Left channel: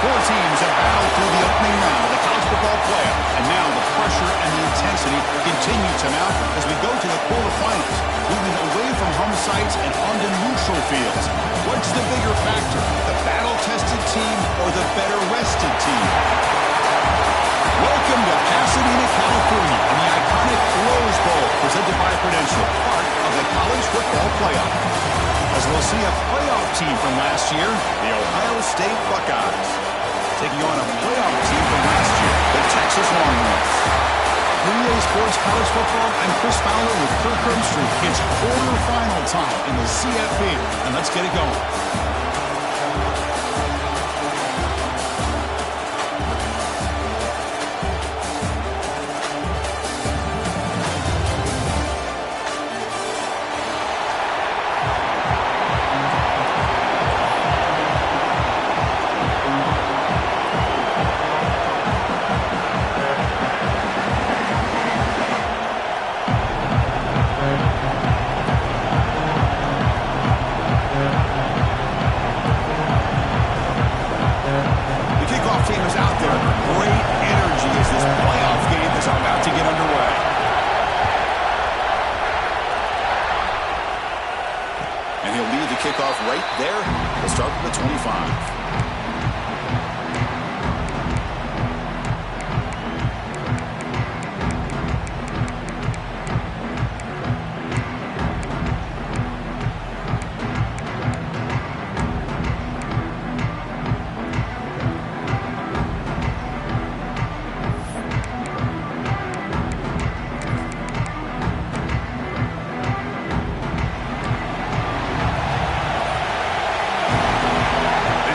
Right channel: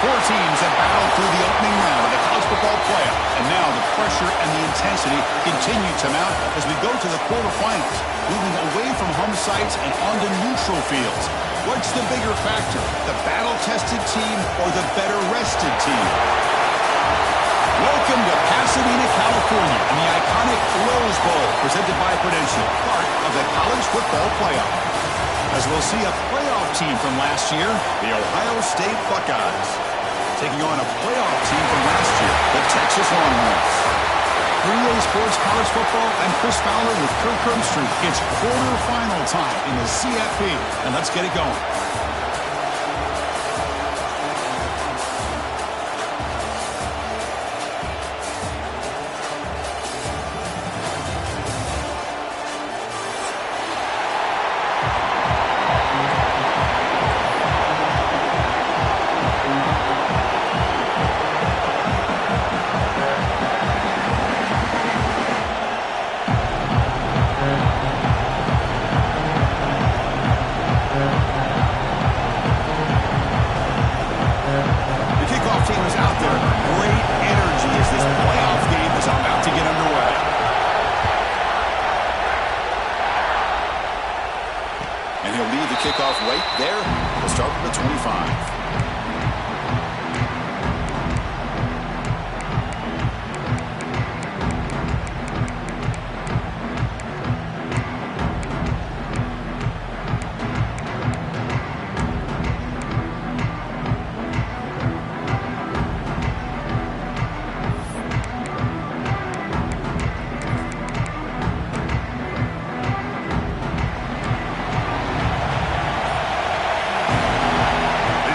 Four teams have battled through the opening round of the college football playoff, and now the pressure and the intensity continue to mount as we go to the quarterfinals, moving away from home sites and onto neutral fields. What's the bigger factor, the battle-tested team or the better-rested team? Welcome to Pasadena, California, and the iconic Rose Bowl, presented by Prudential, part of the college football playoff. As we'll see a playoff team from last year, the Ohio State Buckeyes, taking on a playoff team from last year, the Texas Longhorns. For EA Sports College Football, I'm Chris Fowler with Kirk Herbstreit. It's quarterfinal time in the CFP, and let's get it going. And he'll lead the kickoff right there. He'll start with the 25.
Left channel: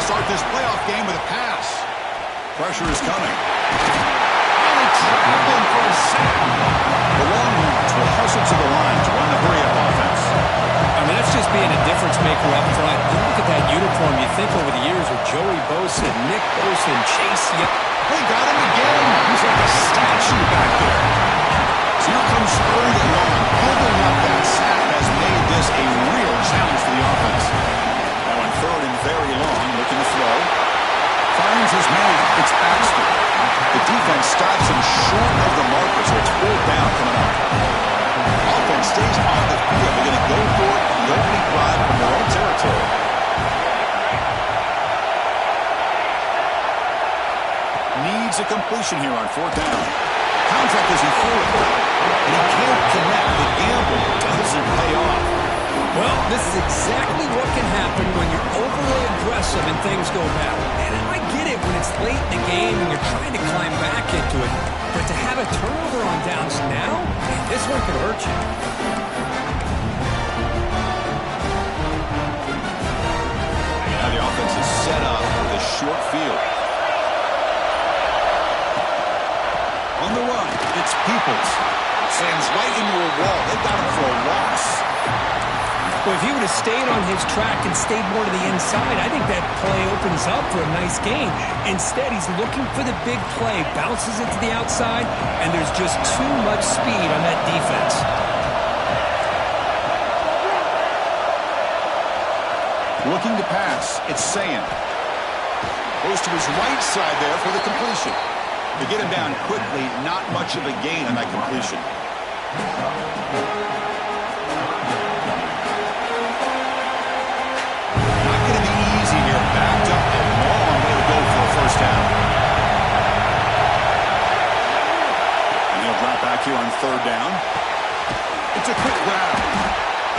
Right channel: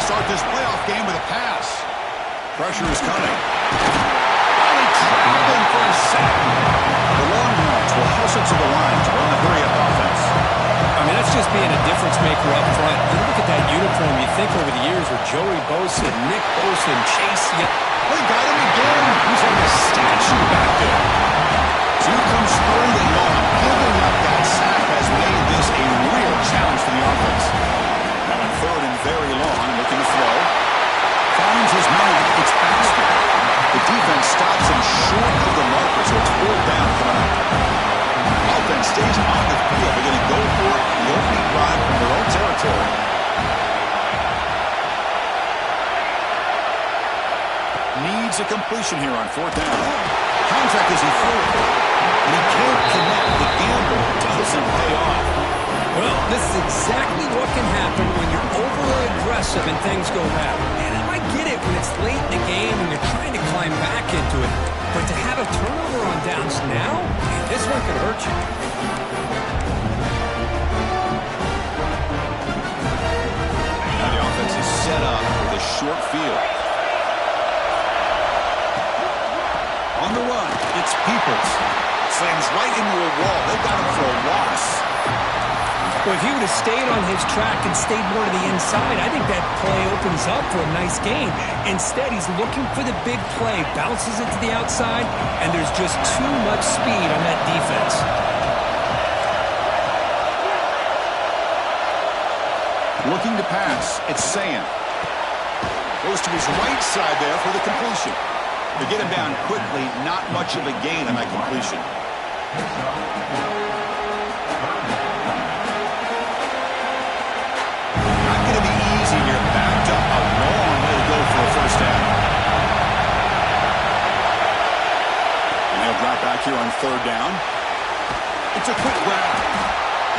Start this playoff game with a pass. Pressure is coming. Finally trapped in for a sack. The Longhorns will hustle to the line to run the hurry-up offense. I mean, that's just being a difference maker up front. You look at that uniform, you think over the years with Joey Bosa, Nick Bosa, and Chase Young. They got him again. He's like a statue back there. So here comes third and long. Giving up that sack has made this a real challenge for the offense. Now on third and very long, looking to throw. Finds his man. It's Baxter. The defense stops him short of the marker, so it's fourth down coming up. Offense stays on the field. They're going to go for it in the opening drive from their own territory. Needs a completion here on fourth down. Contact as he threw it. And he can't connect. The gamble doesn't pay off. Well, this is exactly what can happen when you're overly aggressive and things go bad. And I get it when it's late in the game and you're trying to climb back into it. But to have a turnover on downs now, this one could hurt you. And now the offense is set up with a short field. On the run, it's Peoples. Slams right into a wall. They got him for a loss. Well, if he would have stayed on his track and stayed more to the inside, I think that play opens up for a nice game. Instead, he's looking for the big play, bounces it to the outside, and there's just too much speed on that defense. Looking to pass, it's Sayin. Goes to his right side there for the completion. To get him down quickly, not much of a gain on that completion. Not going to be easy here. Backed up a long way to go for a first down. And he'll drop back here on third down. It's a quick grab.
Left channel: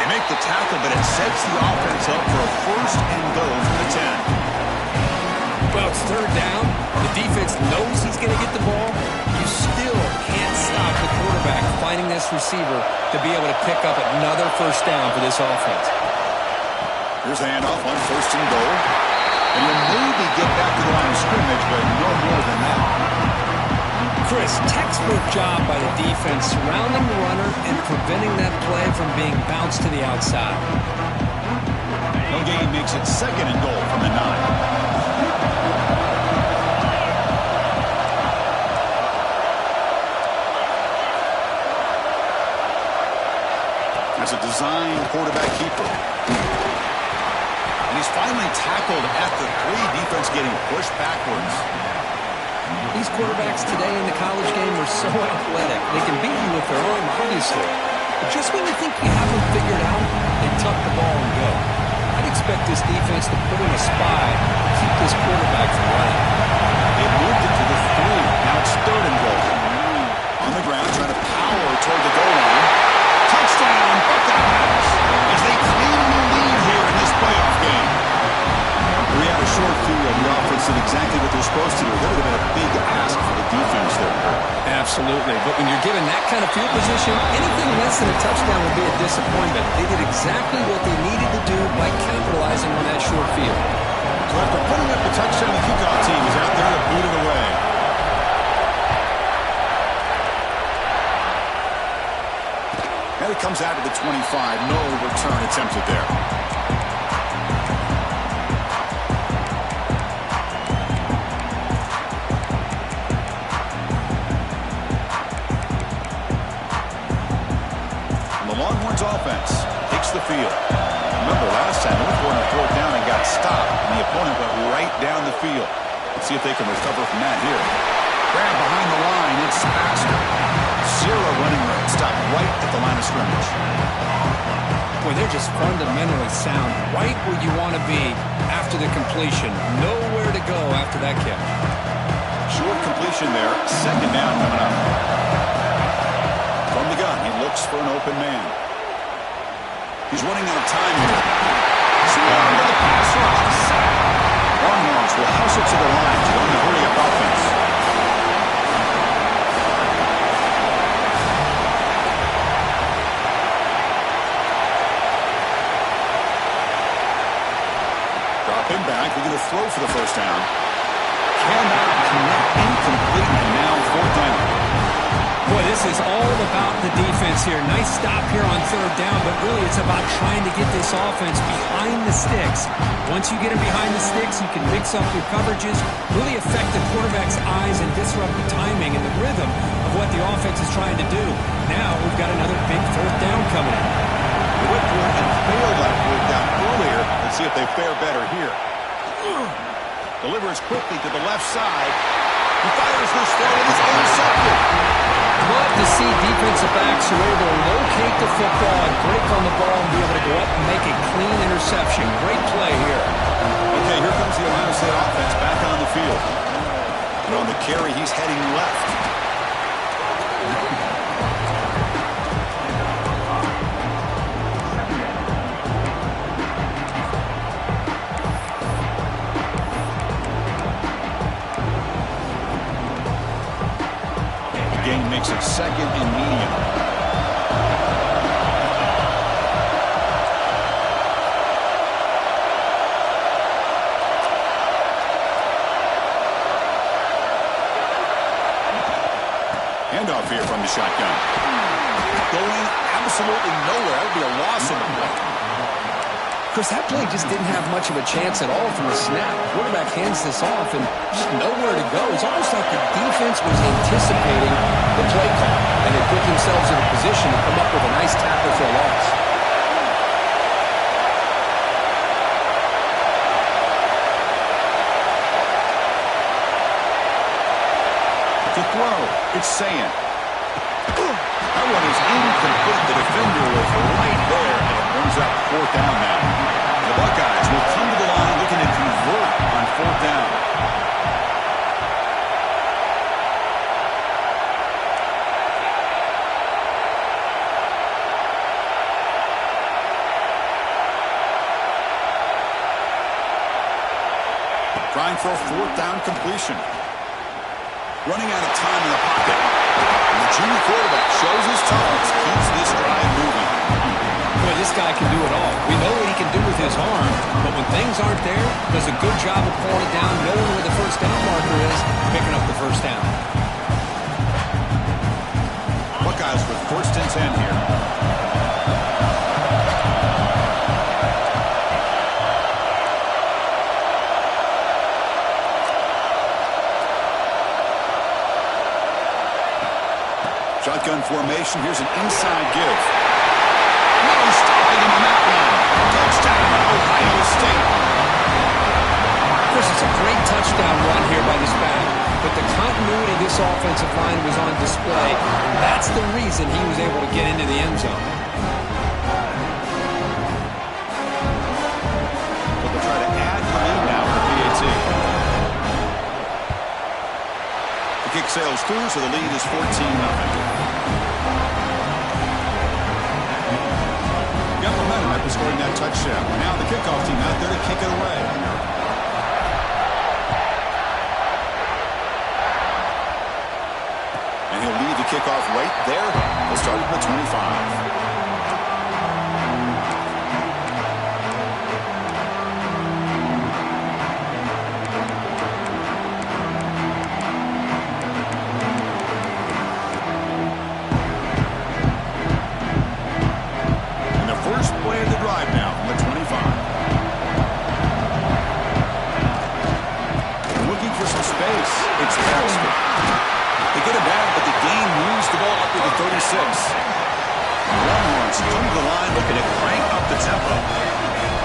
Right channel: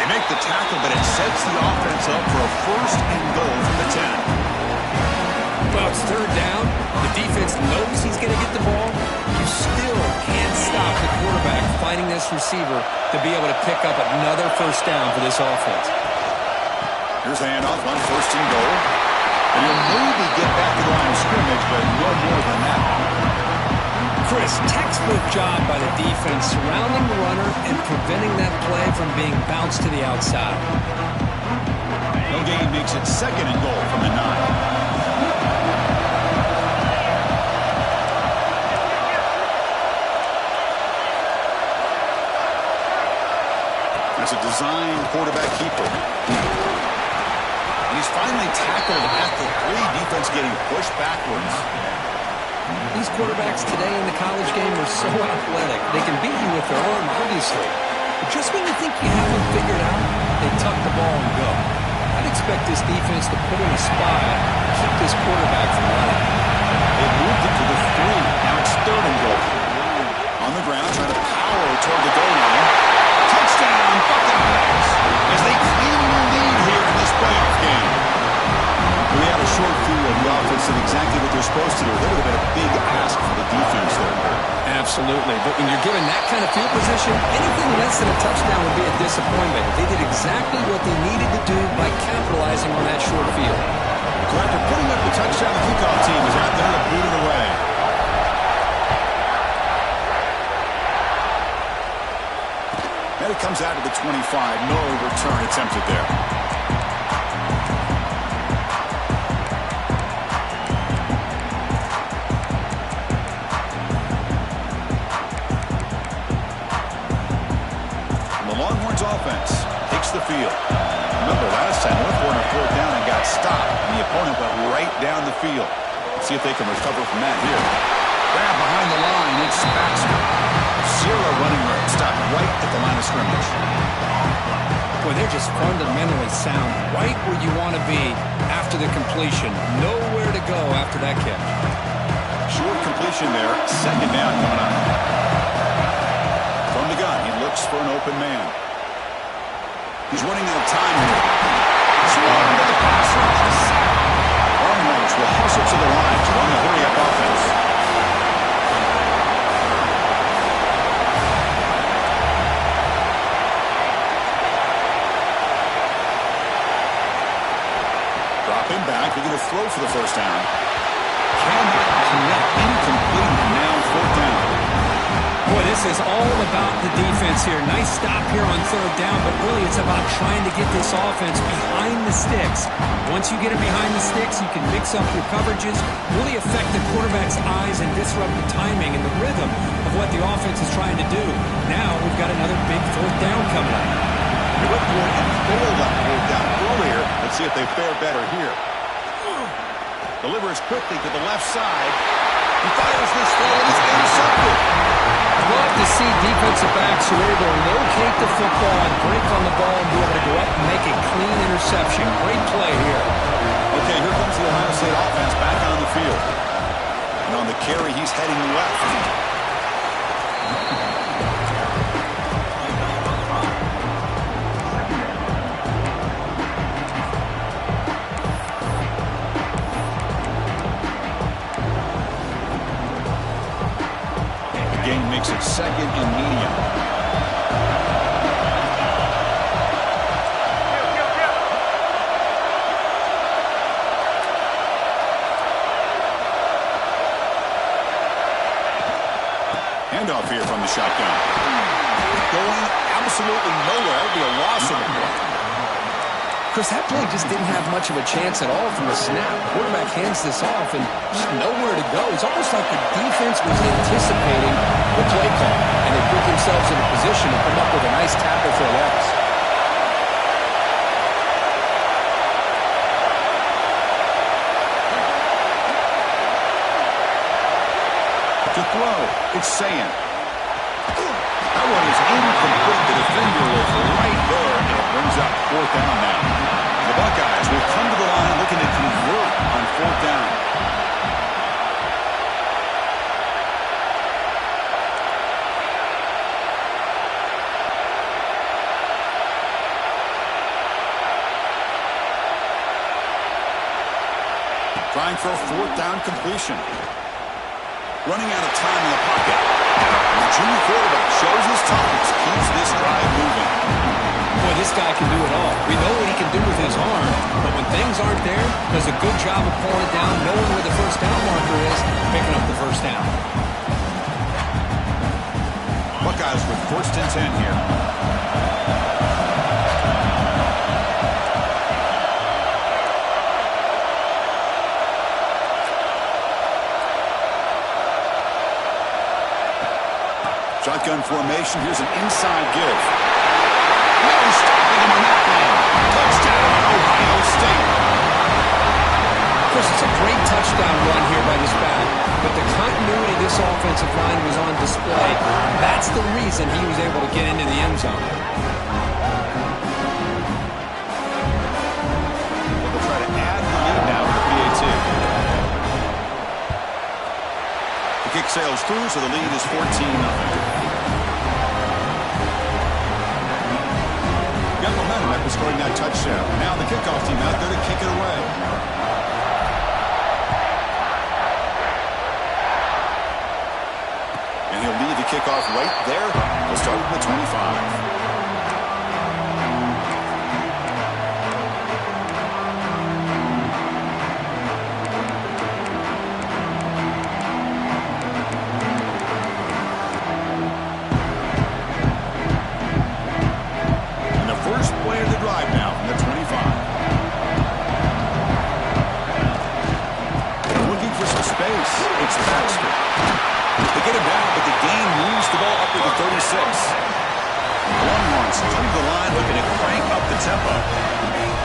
They make the tackle, but it sets the offense up for a first and goal from the 10. Well, it's third down. The defense knows he's going to get the ball. You still can't stop the quarterback finding this receiver to be able to pick up another first down for this offense. Here's the handoff on first and goal. And he'll maybe get back to the line of scrimmage, but no more than that. Chris, textbook job by the defense surrounding the runner and preventing that play from being bounced to the outside. No gain makes it second and goal from the 9. That's a designed quarterback keeper. And And he's finally tackled at the 3. Defense getting pushed backwards. These quarterbacks today in the college game are so athletic. They can beat you with their arm, obviously. But just when you think you have them figured out, they tuck the ball and go. I'd expect this defense to put in a spy and keep this quarterback from running. They've moved it to the 3. Now it's 3rd and goal. On the ground, trying to power toward the goal line. Touchdown, Buckeyes! As they claim a lead here in this playoff game. We had a short field. The offense did exactly what they're supposed to do. That would have been a big ask for the defense there. Absolutely. But when you're given that kind of field position, anything less than a touchdown would be a disappointment. They did exactly what they needed to do by capitalizing on that short field. So after putting up the touchdown, the kickoff team is out there to boot it away. And it comes out to the 25. No return attempted there. Longhorns offense takes the field. Remember, last time North were on a 4th down and got stopped, and the opponent went right down the field. Let's see if they can recover from that here. Grab behind the line, it's Baxter. Zero running room, stopped right at the line of scrimmage. Boy, they're just fundamentally sound, right where you want to be after the completion. Nowhere to go after that catch. Short completion there, 2nd down coming up. From the gun, he looks for an open man. He's running out of time here. Swarm to the pass rush. A sack. Longhorns will hustle to the line to run the hurry-up offense. Drop him back. They're going to throw for the 1st down. Cannot connect. Incomplete, and now 4th down. Boy, this is all about the defense here. Nice stop here on 3rd down, but really it's about trying to get this offense behind the sticks. Once you get it behind the sticks, you can mix up your coverages, really affect the quarterback's eyes and disrupt the timing and the rhythm of what the offense is trying to do. Now we've got another big 4th down coming up. They went for it and failed that 4th down earlier. Let's see if they fare better here. Delivers quickly to the left side. He fires this throw and it's intercepted. Love to see defensive backs who are able to locate the football and break on the ball and be able to go up and make a clean interception. Great play here. Okay, here comes the Ohio State offense back on the field. And on the carry, he's heading left. Gain makes it 2nd and medium. Handoff here from the shotgun. Going absolutely nowhere. That would be a loss of a play. Chris, that play just didn't have much of a chance at all from the snap. The quarterback hands this off and just nowhere to go. It's almost like the defense was anticipating the play call, and they put themselves in a position to come up with a nice tackle for a loss. To throw, it's Sayin. That one is incomplete. The defender was right there, and it brings up 4th down now. The Buckeyes will come to the line looking to convert on 4th down. Trying for a 4th down completion. Running out of time in the pocket. And the junior quarterback shows his toughness, keeps this drive moving. Boy, this guy can do it all. We know what he can do with his arm, but when things aren't there, does a good job of pulling it down, knowing where the 1st down marker is, picking up the 1st down. Buckeyes with 1st and 10 here. Shotgun formation. Here's an inside give. No stopping him on that one. Touchdown, Ohio State. Chris, it's a great touchdown run here by this back, but the continuity of this offensive line was on display. That's the reason he was able to get into the end zone. So they'll try to add the lead now with the PAT. The kick sails through, so the lead is 14-0. Got momentum after scoring that touchdown. Now the kickoff team out there to kick it away. And he'll lead the kickoff right there. He'll start at the 25. It's Baxter. They get him down, but the gain moves the ball up to the 36. Longhorns come to the line looking to crank up the tempo.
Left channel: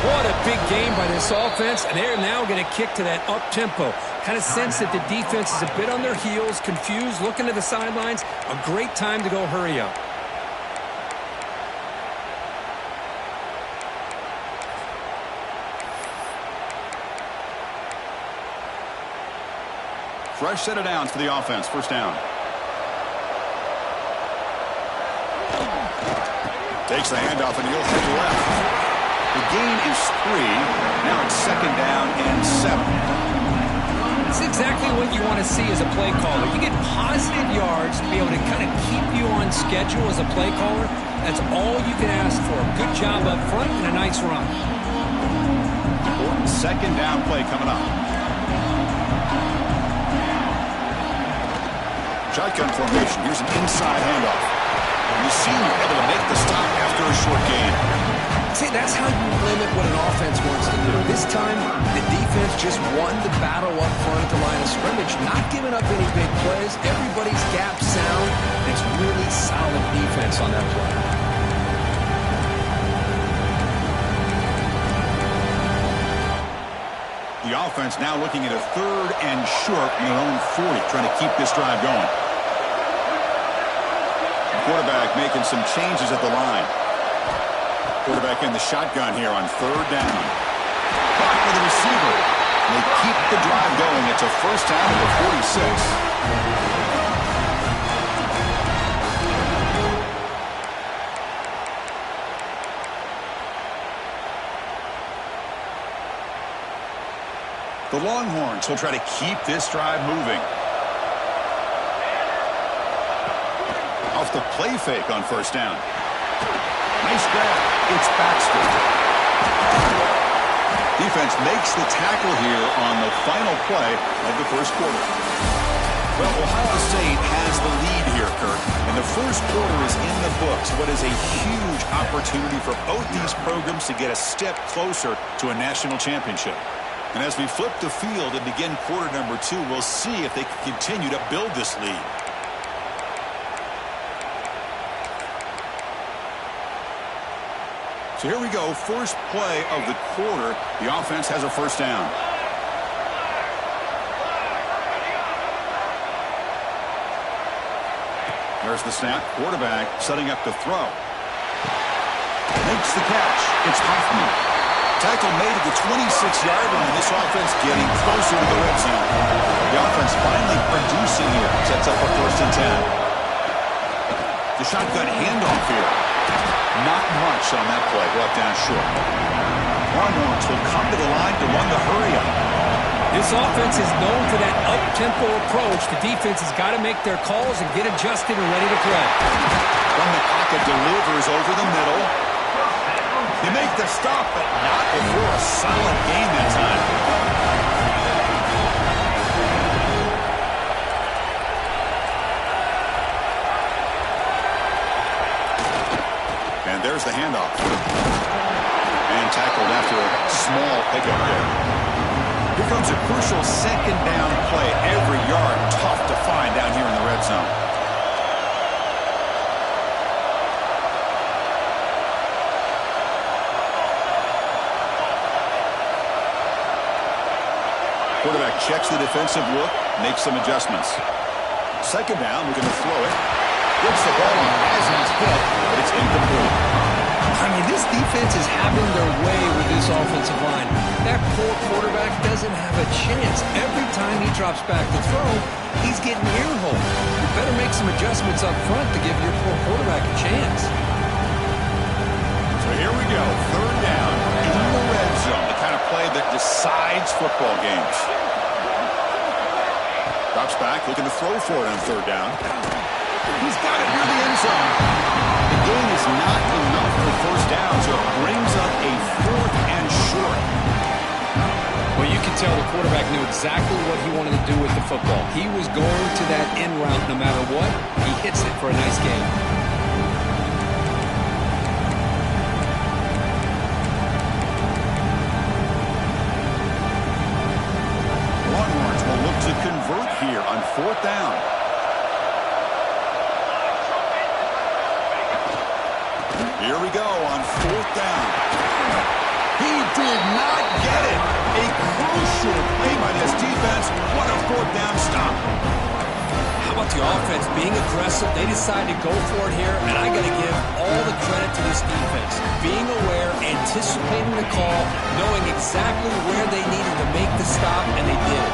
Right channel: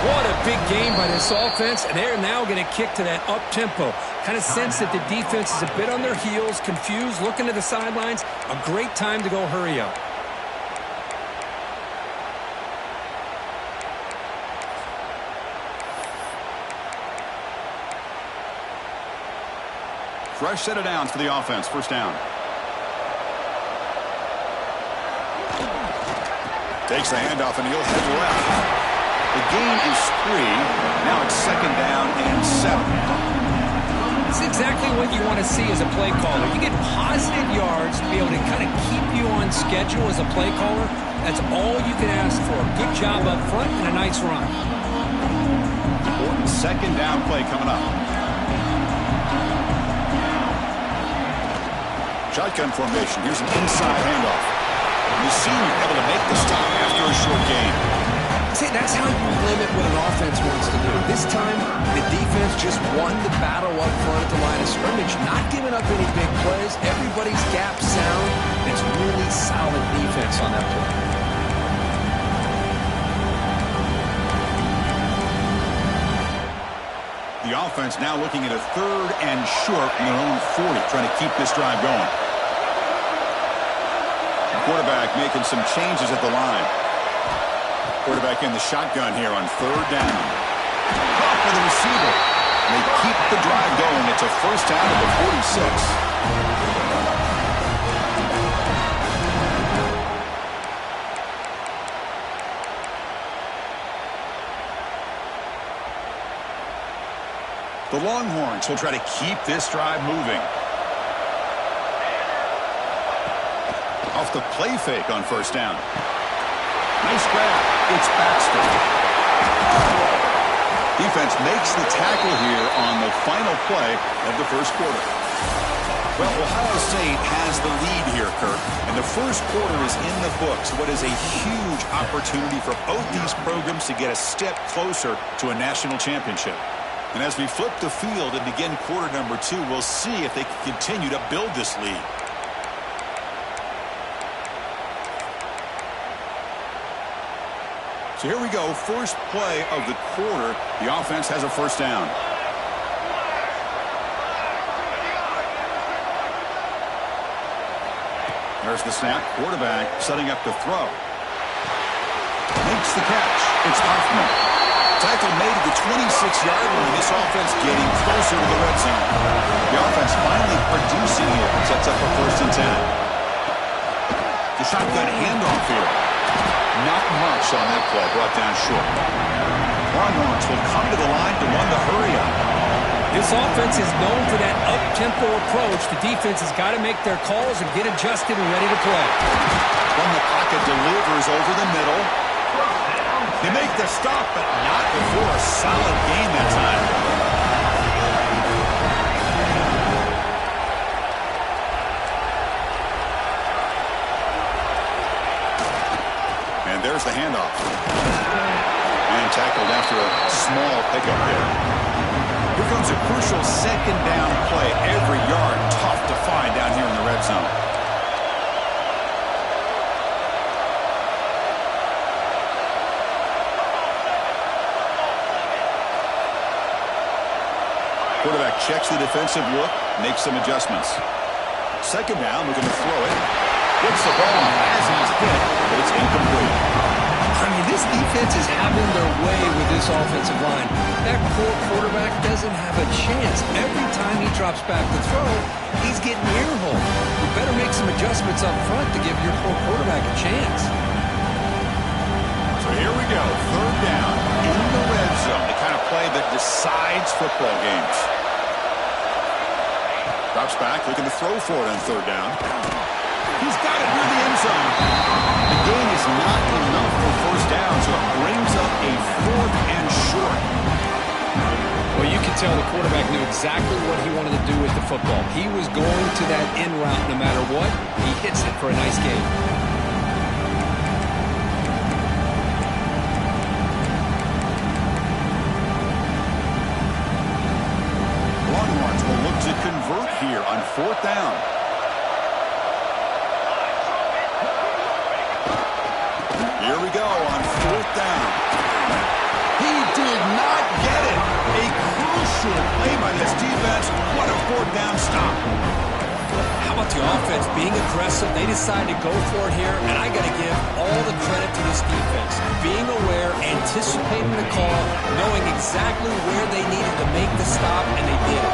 What a big game by this offense, and they're now going to kick to that up-tempo. Kind of sense that the defense is a bit on their heels, confused, looking to the sidelines. A great time to go hurry up. Fresh set of downs for the offense. First down. Takes the handoff and he'll head left. The gain is 3. Now it's second down and 7. It's exactly what you want to see as a play caller. You get positive yards to be able to kind of keep you on schedule as a play caller. That's all you can ask for. Good job up front and a nice run. Important second down play coming up. Shotgun formation. Here's an inside handoff. The senior able to make the stop after a short gain. See, that's how you limit what an offense wants to do. This time, the defense just won the battle up front at the line of scrimmage, not giving up any big plays. Everybody's gap sound. It's really solid defense on that play. The offense now looking at a 3rd and short from their own 40, trying to keep this drive going. Quarterback making some changes at the line. Quarterback in the shotgun here on 3rd down. Caught for the receiver. And they keep the drive going. It's a first down at the 46. The Longhorns will try to keep this drive moving. Off the play fake on first down. Nice grab. It's Baxter. Defense makes the tackle here on the final play of the first quarter. Well, Ohio State has the lead here, Kirk, and the first quarter is in the books. What is a huge opportunity for both these programs to get a step closer to a national championship. And as we flip the field and begin quarter number 2, we'll see if they can continue to build this lead. So here we go, first play of the quarter. The offense has a first down. There's the snap. Quarterback setting up to throw. Makes the catch. It's Hoffman. Tackle made at the 26-yard line. This offense getting closer to the red zone. The offense finally producing here. Sets up a 1st and 10. The shotgun handoff here. Not much on that play. Brought down short. Longhorns will come to the line to run the hurry-up. This offense is known for that up-tempo approach. The defense has got to make their calls and get adjusted and ready to play. From the pocket, delivers over the middle. They make the stop, but not before a solid gain that time. And there's the handoff. And tackled after a small pickup there. Here comes a crucial second down play. Every yard tough to find down here in the red zone. Quarterback checks the defensive look, makes some adjustments. Second down, looking to throw it. Gets the ball off as he's hit, but it's incomplete. I mean, this defense is having their way with this offensive line. That poor quarterback doesn't have a chance. Every time he drops back to throw, he's getting ear-hole. You better make some adjustments up front to give your poor quarterback a chance. So here we go, third down in the red zone, the kind of play that decides football games. Drops back, looking to throw for it on third down. He's got it near the end zone. The gain is not enough for first down, so it brings up a 4th and short. Well, you can tell the quarterback knew exactly what he wanted to do with the football. He was going to that in route no matter what. He hits it for a nice gain. Longhorns will look to convert here on 4th down. Here we go on 4th down. He did not get it. A crucial play by this defense. What a 4th down stop. How about the offense being aggressive? They decided to go for it here, and I got to give all the credit to this defense. Being aware, anticipating the call, knowing exactly where they needed to make the stop, and they did it.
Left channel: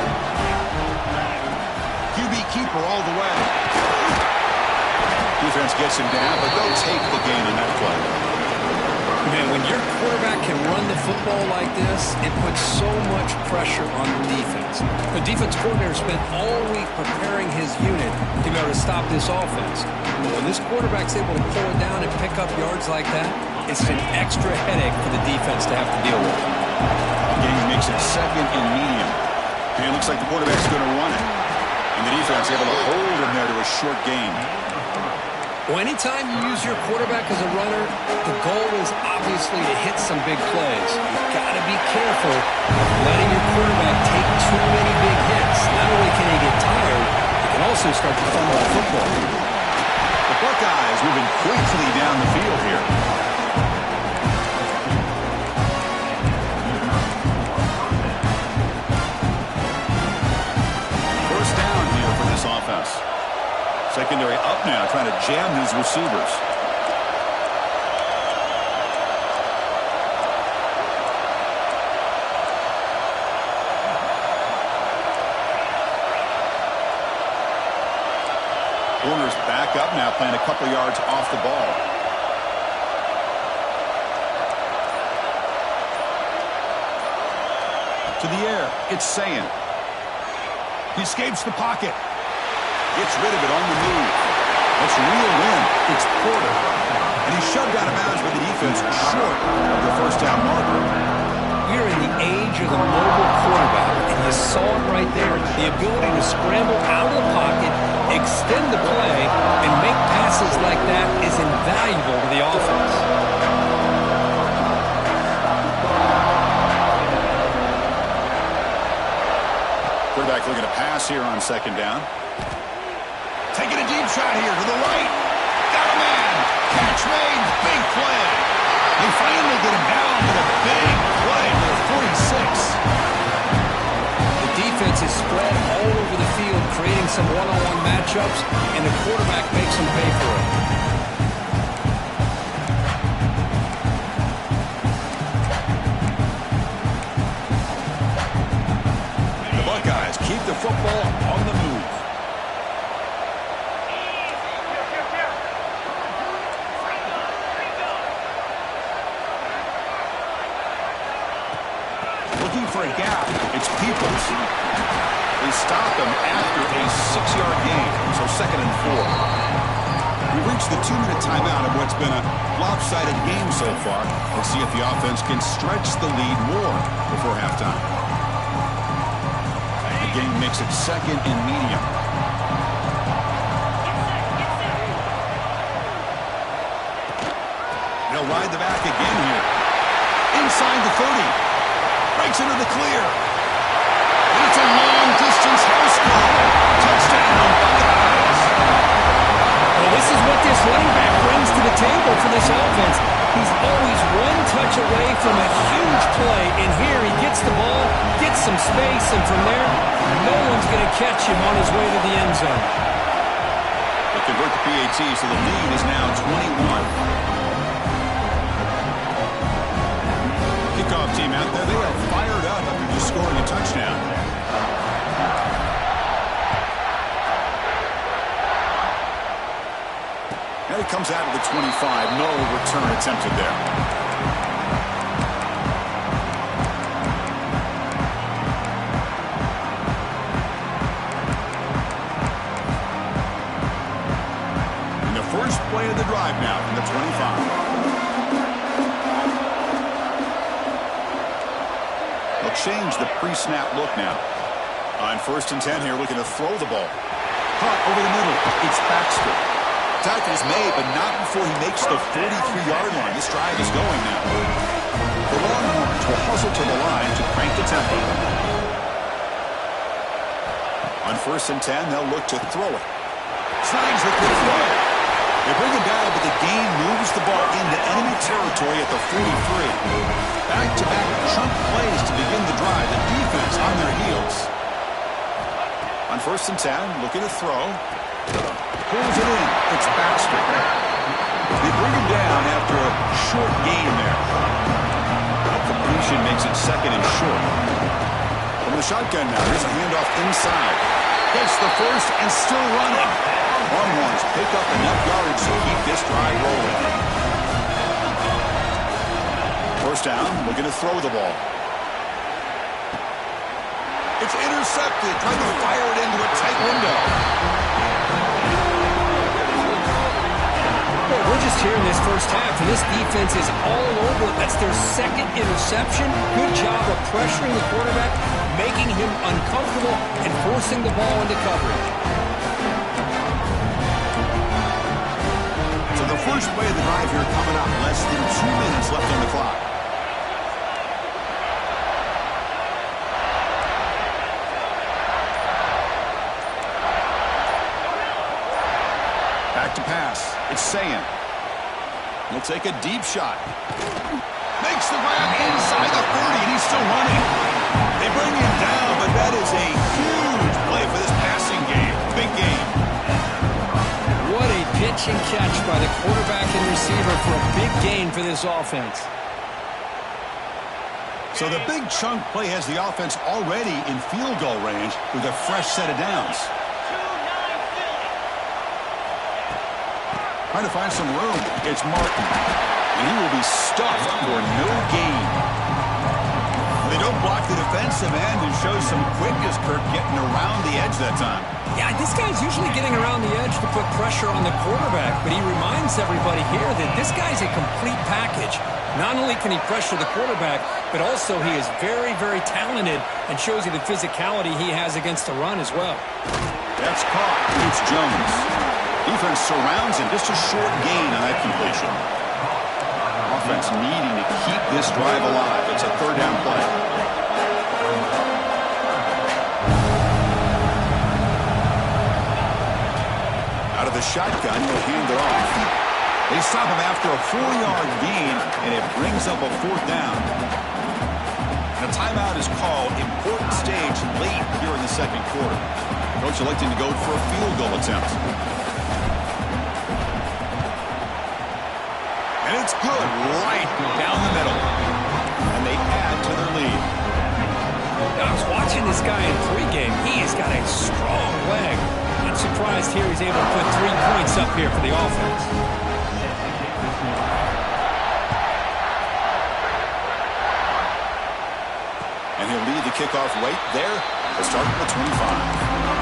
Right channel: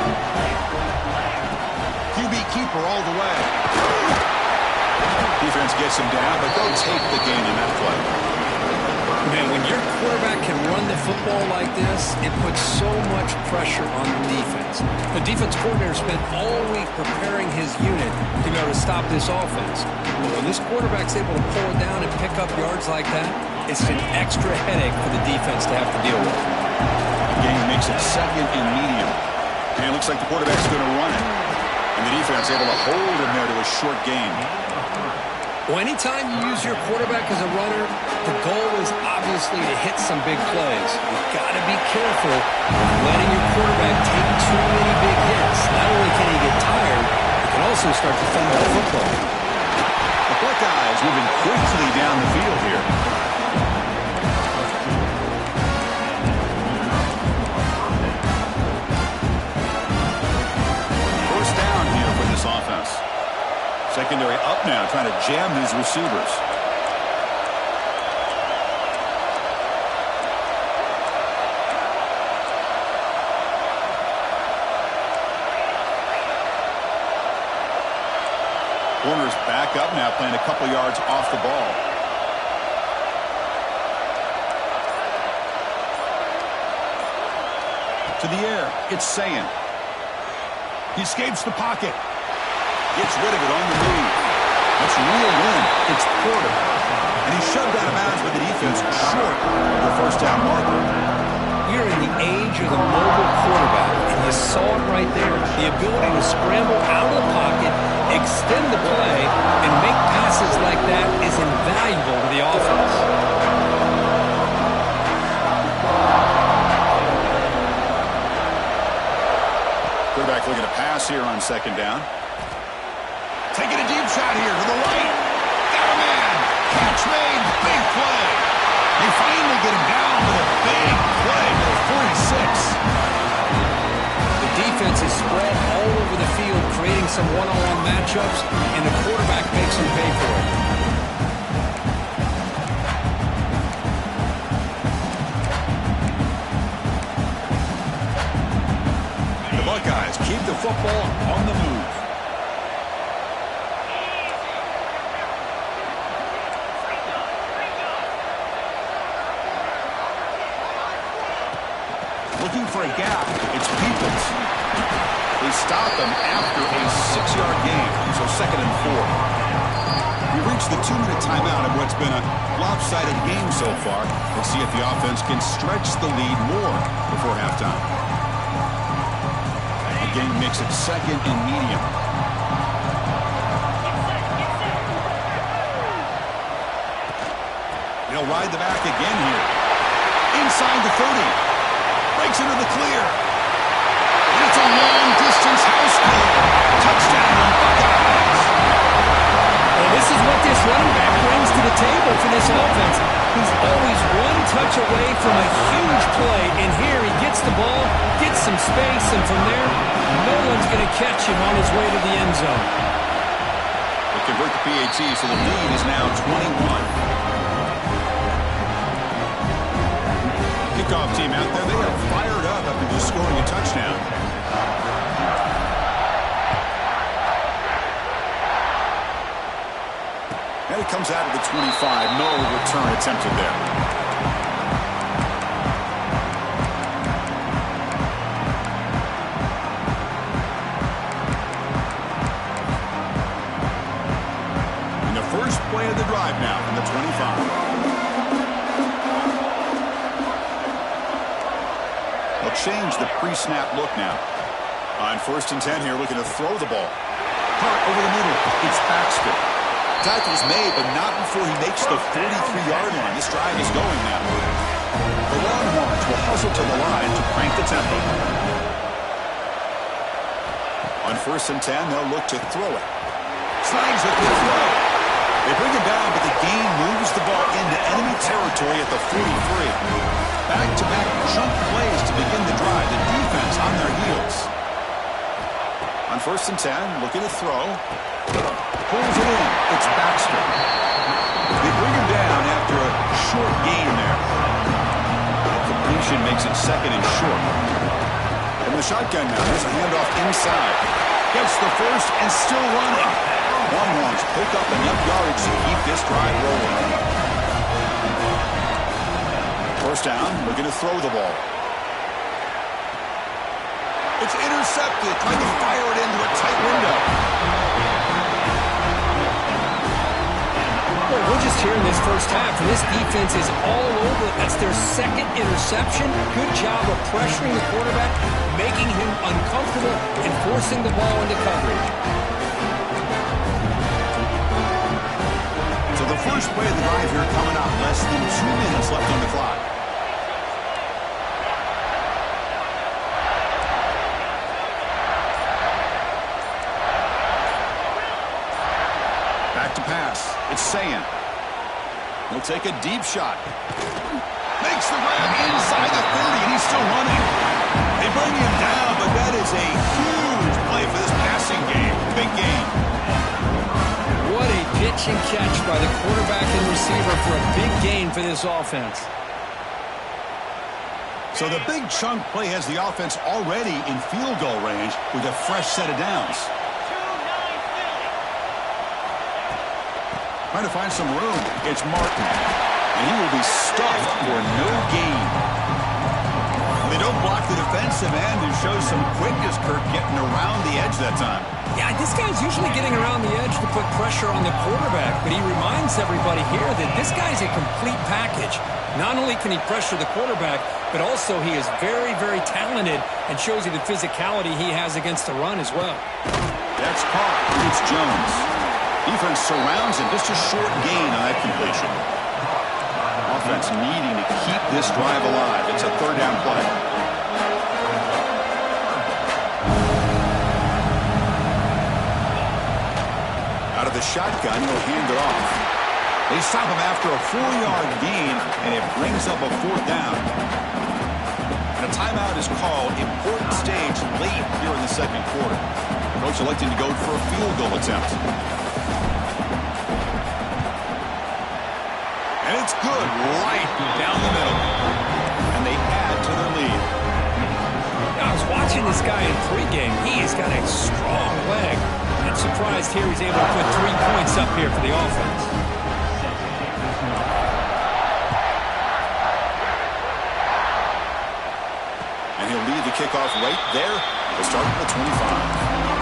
QB keeper all the way. Defense gets him down, but they'll take the gain on that play. Man, when your quarterback can run the football like this, it puts so much pressure on the defense. The defense coordinator spent all week preparing his unit to be able to stop this offense. But when this quarterback's able to pull it down and pick up yards like that, it's an extra headache for the defense to have to deal with. The game makes it 2nd and medium. And it looks like the quarterback's going to run it. And the defense able to hold him there to a short gain. Well, anytime you use your quarterback as a runner, the goal is obviously to hit some big plays. You've got to be careful of letting your quarterback take too many big hits. Not only can he get tired, he can also start to fumble the football. The Buckeyes moving quickly down the field here. First down here for this offense. Secondary up now, trying to jam these receivers. Corner's back up now, playing a couple yards off the ball. To the air, it's Sayin. He escapes the pocket. Gets rid of it on the move. Let's reel in. It's Porter. And he's shoved out of bounds by the defense short of the first down marker. We're in the age of the mobile quarterback, and you saw it right there. The ability to scramble out of the pocket, extend the play, and make passes like that is invaluable to the offense. Quarterback looking to pass here on second down. Taking a deep shot here to the right. Got a man. Catch made. Big play. They finally get him down with a big play to the 46. The defense is spread all over the field, creating some one-on-one matchups, and the quarterback makes them pay for it. The Buckeyes keep the football on the move. Looking for a gap, it's Peoples. They stop him after a 6-yard gain, so 2nd and 4. We reached the 2-minute timeout of what's been a lopsided game so far. Let's see if the offense can stretch the lead more before halftime. The game makes it 2nd and medium. They'll ride the back again here. Inside the 30. Breaks into the clear. And it's a long-distance house call. Touchdown, Buckeyes. Well, this is what this running back brings to the table for this offense. He's always one touch away from a huge play, and here he gets the ball, gets some space, and from there, no one's going to catch him on his way to the end zone. They convert the PAT, so the lead is now 21. Kickoff team out there, they are fired up after just scoring a touchdown. And it comes out of the 25. No return attempted there. And the first play of the drive now from the 25. They'll change the pre-snap look now. On 1st and 10 here, looking to throw the ball. Caught over the middle. It's Baxter. Tackle is made, but not before he makes the 43-yard line. This drive is going now. The Longhorns will hustle to the line to crank the tempo. On 1st and 10, they'll look to throw it. Signs with the throw. They bring him down, but the gain moves the ball into enemy territory at the 43. Back-to-back chunk plays to begin the drive. The defense on their heels. On 1st and 10, looking to throw. Pulls it in. It's Baxter. They bring him down after a short gain there. That completion makes it 2nd and short. From the shotgun now, there's a handoff inside. Gets the first and still running. Longhorns pick up enough yards to keep this drive rolling. 1st down, looking to throw the ball. It's intercepted, trying to fire it into a tight window. Well, we're just here in this first half, and this defense is all over it. That's their 2nd interception. Good job of pressuring the quarterback, making him uncomfortable, and forcing the ball into coverage. So the first play of the drive here coming up. Less than 2 minutes left on the clock. Back to pass. It's Sayin. He'll take a deep shot. Makes the grab inside the 30, and he's still running. They bring him down, but that is a huge play for this passing game. Big game. What a pitch and catch by the quarterback and receiver for a big gain for this offense. So the big chunk play has the offense already in field goal range with a fresh set of downs. Trying to find some room. It's Martin. And he will be stuffed for no gain. They don't block the defensive end and show some quickness, Kirk, getting around the edge that time. Yeah, this guy's usually getting around the edge to put pressure on the quarterback, but he reminds everybody here that this guy's a complete package. Not only can he pressure the quarterback, but also he is very, very talented and shows you the physicality he has against the run as well. That's caught. It's Jones. Defense surrounds him. Just a short gain on that completion. Offense needing to keep this drive alive. It's a 3rd down play. Out of the shotgun, he'll hand it off. They stop him after a 4-yard gain, and it brings up a 4th down. And a timeout is called. Important stage late here in the 2nd quarter. The coach electing to go for a field goal attempt. And it's good right down the middle. And they add to their lead. I was watching this guy in pregame. He has got a strong leg. I'm surprised here he's able to put 3 points up here for the offense. And he'll lead the kickoff right there to start at the 25.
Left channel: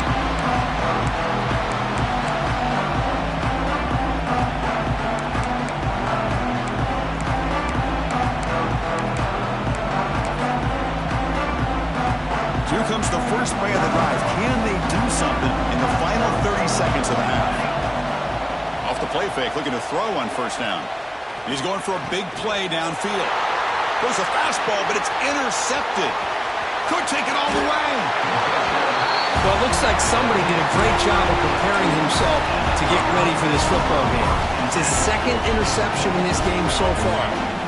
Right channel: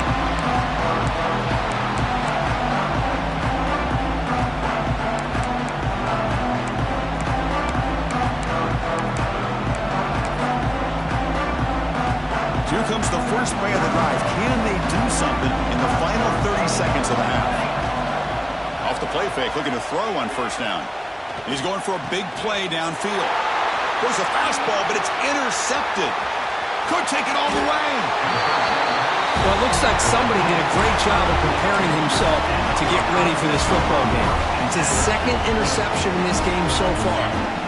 Here comes the first play of the drive. Can they do something in the final 30 seconds of the half? Off the play fake, looking to throw on 1st down. He's going for a big play downfield. Goes a fastball, but it's intercepted. Could take it all the way. Well, it looks like somebody did a great job of preparing himself to get ready for this football game. It's his second interception in this game so far.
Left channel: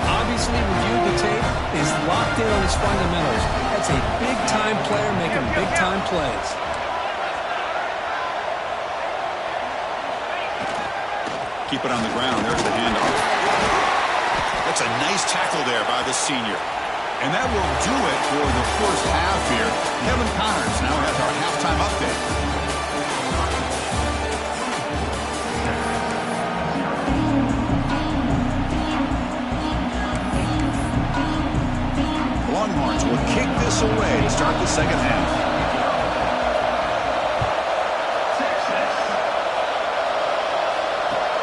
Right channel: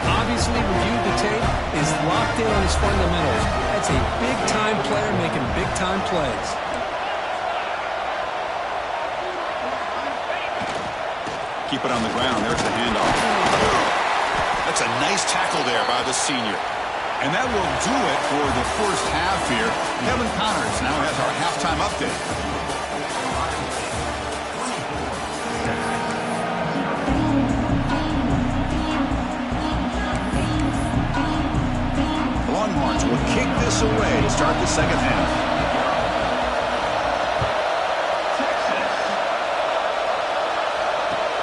Obviously reviewed the tape, is locked in on his fundamentals. That's a big-time player making big-time plays. Keep it on the ground. There's the handoff. That's a nice tackle there by the senior. And that will do it for the first half here. Kevin Connors now has our halftime update. The Longhorns will kick this away to start the second half.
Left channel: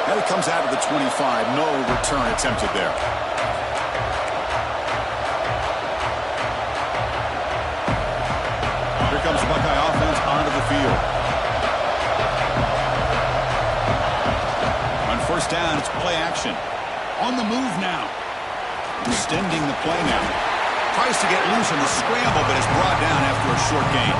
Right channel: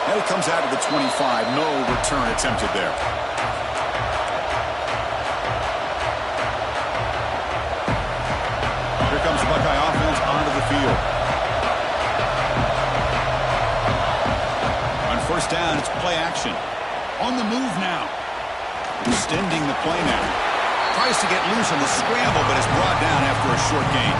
And it comes out of the 25. No return attempted there. Here comes the Buckeye offense onto the field. On first down, it's play action. On the move now. Extending the play now. Tries to get loose on the scramble, but is brought down after a short gain.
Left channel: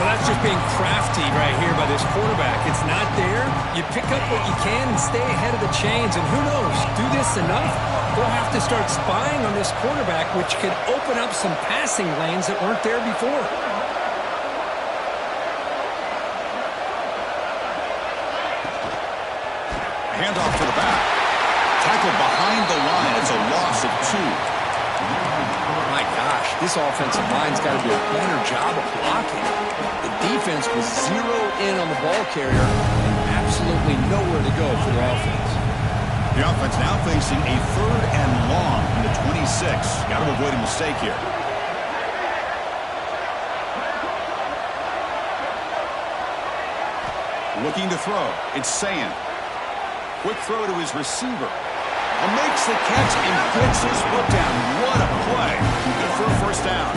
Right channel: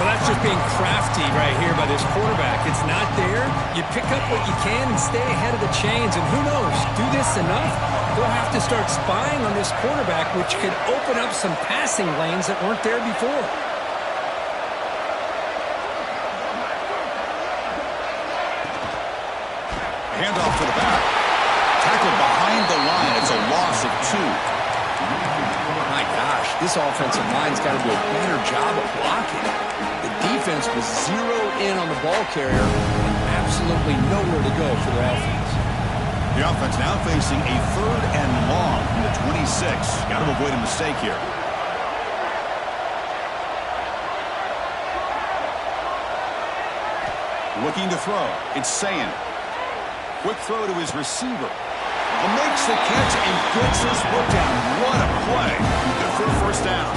Well, that's just being crafty right here by this quarterback. It's not there. You pick up what you can and stay ahead of the chains. And who knows, do this enough, they'll have to start spying on this quarterback, which could open up some passing lanes that weren't there before. Handoff to the back. Tackled behind the line. It's a loss of 2. My gosh, this offensive line's got to do a better job of blocking. The defense was zeroed in on the ball carrier and absolutely nowhere to go for the offense. The offense now facing a 3rd and long from the 26. Got to avoid a mistake here. Looking to throw. It's Sayin. Quick throw to his receiver. Makes the catch and gets his foot down. What a play. Good for a first down.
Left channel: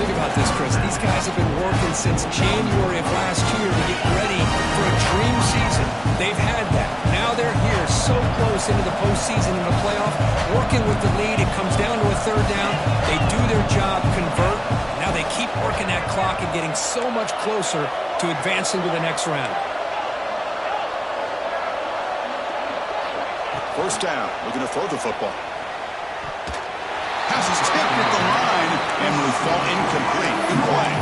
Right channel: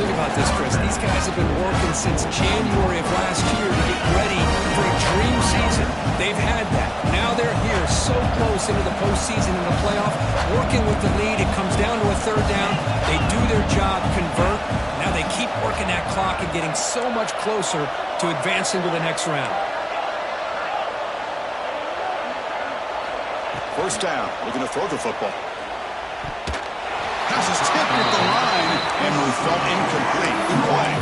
Think about this, Chris. These guys have been working since January of last year to get ready for a dream season. They've had that. Now they're here so close into the postseason and the playoff, working with the lead. It comes down to a 3rd down. They do their job, convert. Now they keep working that clock and getting so much closer to advancing to the next round. First down, looking to throw the football. Pass is tipped at the line and will fall incomplete. Good play.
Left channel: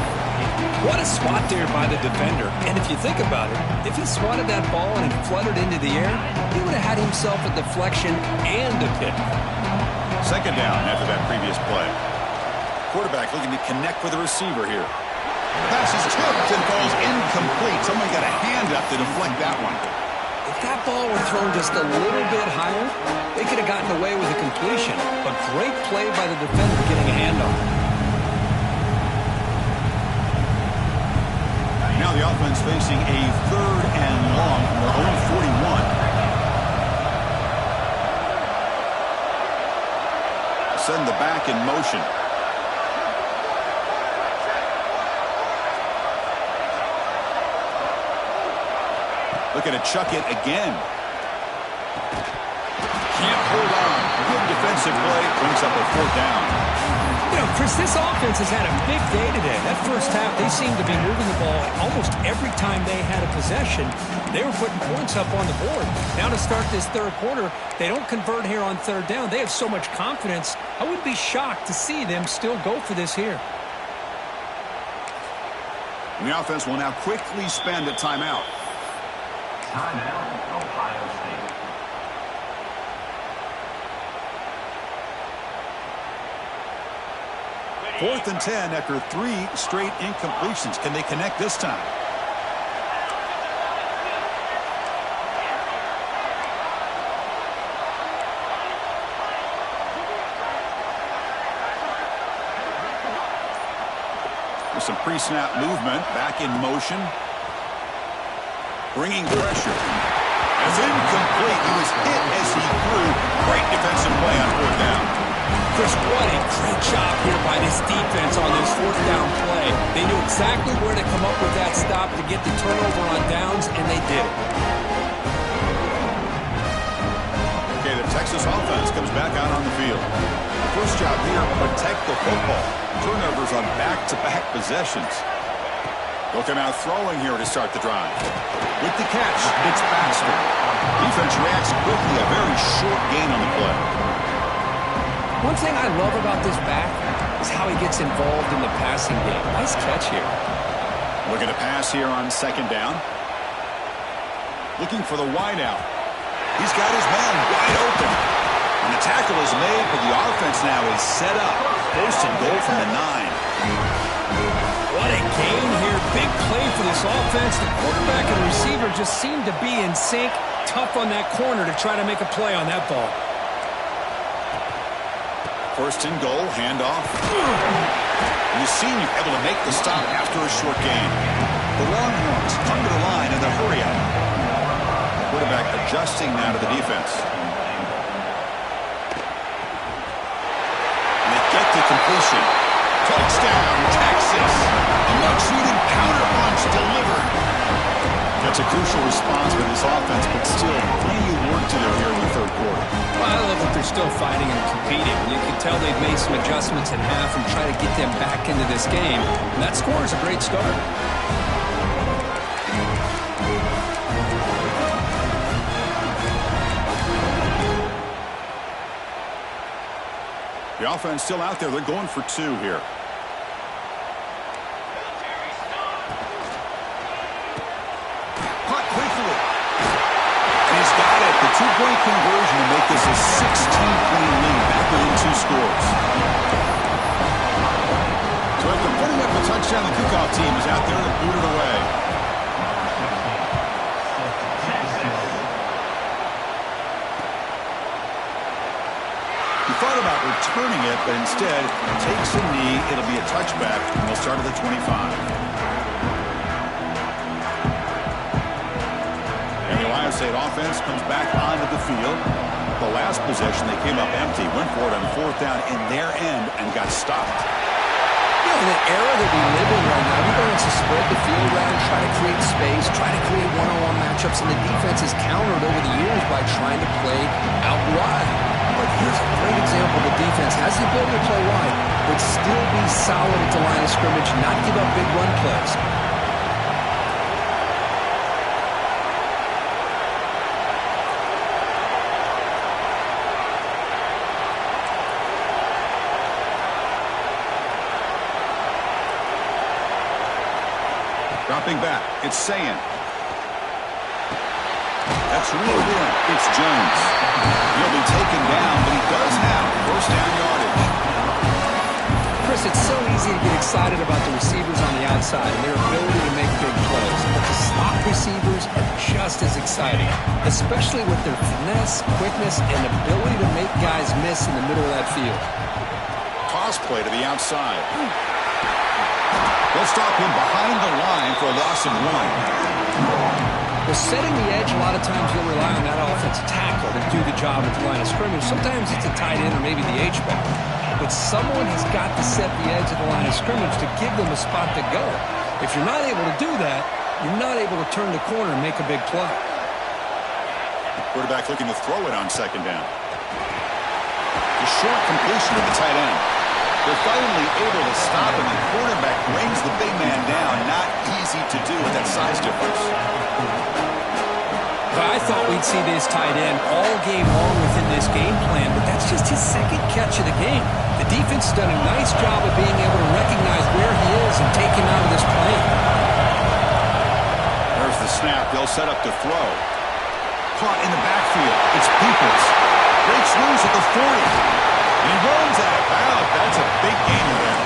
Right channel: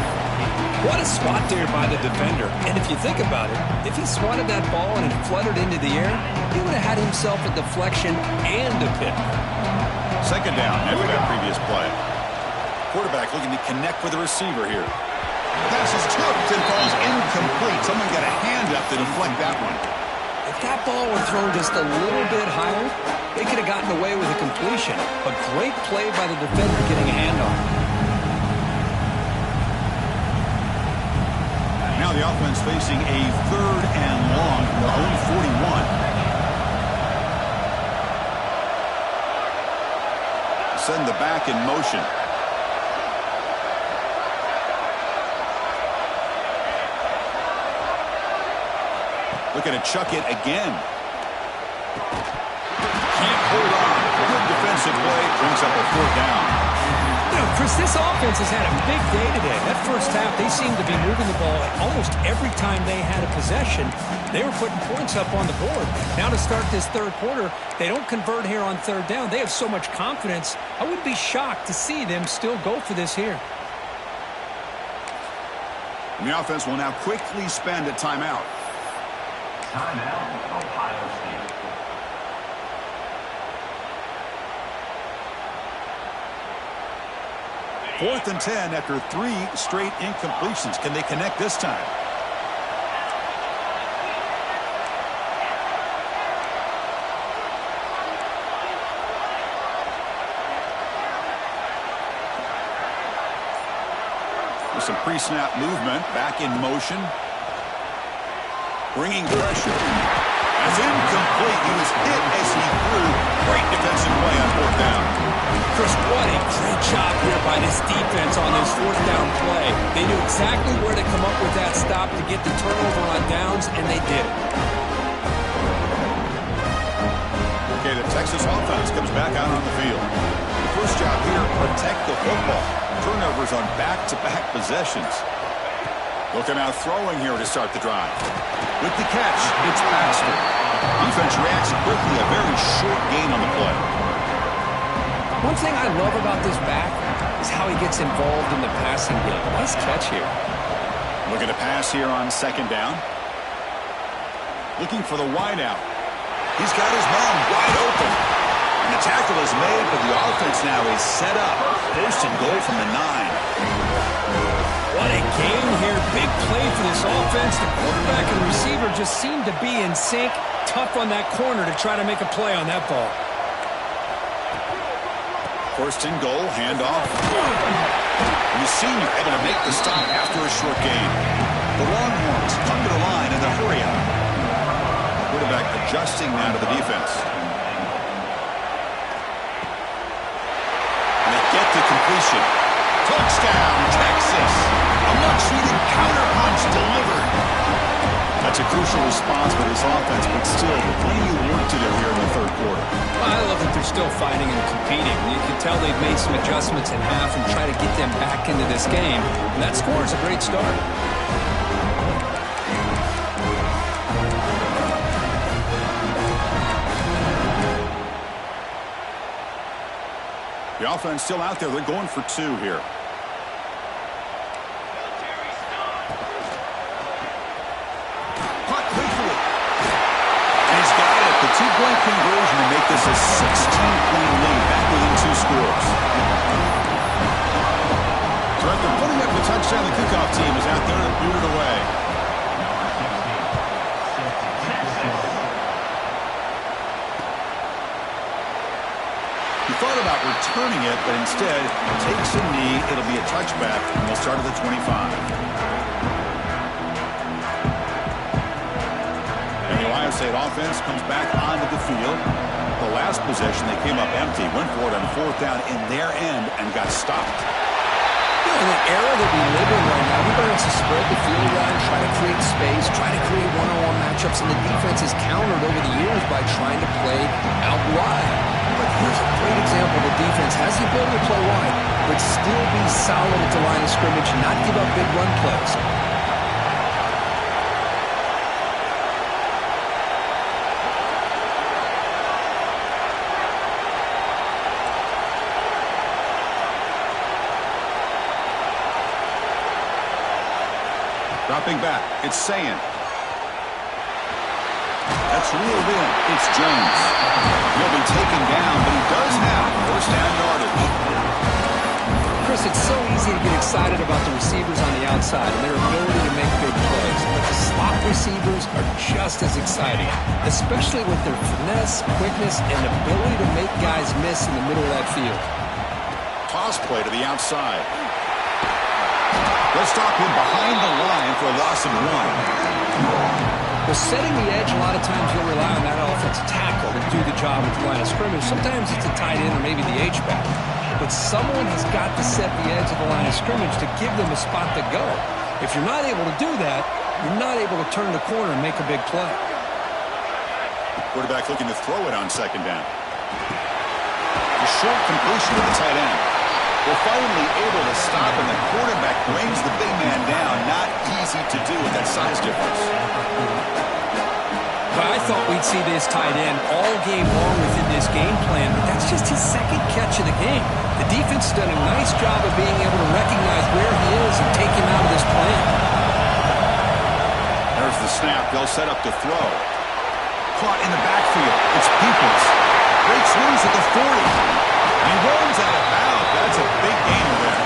What a spot there by the defender. And if you think about it, if he swatted that ball and it fluttered into the air, he would have had himself a deflection and a pick. Second down after that previous play. Quarterback looking to connect with the receiver here. The pass is tipped and falls incomplete. Someone got a hand up to deflect that one. If that ball were thrown just a little bit higher, they could have gotten away with a completion. A great play by the defender getting a handoff. Now the offense facing a 3rd and long from their own 41. Send the back in motion. Looking to chuck it again. Can't hold on. Good defensive play. Brings up a 4th down. You know, Chris, this offense has had a big day today. That first half, they seemed to be moving the ball almost every time they had a possession. They were putting points up on the board. Now to start this 3rd quarter, they don't convert here on 3rd down. They have so much confidence. I wouldn't be shocked to see them still go for this here. And the offense will now quickly spend a timeout. Timeout, Ohio State. Fourth and 10 after 3 straight incompletions. Can they connect this time? With some pre-snap movement, back in motion. Bringing pressure. That's incomplete. He was hit as he threw. Great defensive play on 4th down. Chris, what a great job here by this defense on this 4th down play. They knew exactly where to come up with that stop to get the turnover on downs, and they did it. Okay, the Texas offense comes back out on the field. The first job here, protect the football. Turnovers on back-to-back possessions. They'll come out throwing here to start the drive. With the catch, it's Baxter. Defense reacts quickly, a very short gain on the play. One thing I love about this back is how he gets involved in the passing game. Nice catch here. Looking to pass here on second down. Looking for the wideout. He's got his man wide open. And the tackle is made, but the offense now is set up. First and goal from the 9. What a game here. Big play for this offense. The quarterback and receiver just seem to be in sync. Tough on that corner to try to make a play on that ball. First and goal, handoff. And the senior able to make the stop after a short gain. The Longhorns come to the line in the hurry up. Quarterback adjusting now to the defense. And they get the completion. Touchdown, Texas. A much-needed counter punch delivered. That's a crucial response by this offense, but still plenty of work to do here in the third quarter. Well, I love that they're still fighting and competing. You can tell they've made some adjustments in half and try to get them back into this game. And that score is a great start. The offense still out there. They're going for 2 here. Caught quickly. And he's got it. The 2-point conversion to make this a 16-point lead back within 2 scores. So after putting up a touchdown, the kickoff team is out there to boot it away. He thought about returning it, but instead takes a knee. It'll be a touchback, and they'll start at the 25. And the Ohio State offense comes back onto the field. The last possession, they came up empty, went for it on 4th down in their end, and got stopped. You know, in the era that we live in right now, everybody wants to spread the field around, try to create space, try to create one-on-one matchups, and the defense has countered over the years by trying to play out wide. But here's a great example. The defense has the ability to play wide, but still be solid at the line of scrimmage, not give up big run plays. Dropping back, it's Sayin. That's reeled in. It's Jones. He'll be taken down, but he does have first down yardage. Chris, it's so easy to get excited about the receivers on the outside and their ability to make big plays, but the slot receivers are just as exciting, especially with their finesse, quickness, and ability to make guys miss in the middle of that field. Toss play to the outside. They'll stop him behind the line for a loss of 1. Well, setting the edge, a lot of times you'll rely on that offensive tackle to do the job at the line of scrimmage. Sometimes it's a tight end or maybe the H-back. But someone has got to set the edge of the line of scrimmage to give them a spot to go. If you're not able to do that, you're not able to turn the corner and make a big play. Quarterback looking to throw it on second down. The short completion to the tight end. They're finally able to stop, and the quarterback brings the big man down. Not easy to do with that size difference. But I thought we'd see this tight end all game long within this game plan, but that's just his second catch of the game. The defense has done a nice job of being able to recognize where he is and take him out of this plan. There's the snap. They'll set up to throw. Caught in the backfield. It's Peoples. Breaks loose at the 40. And he runs out of bounds. That's a big gainer there.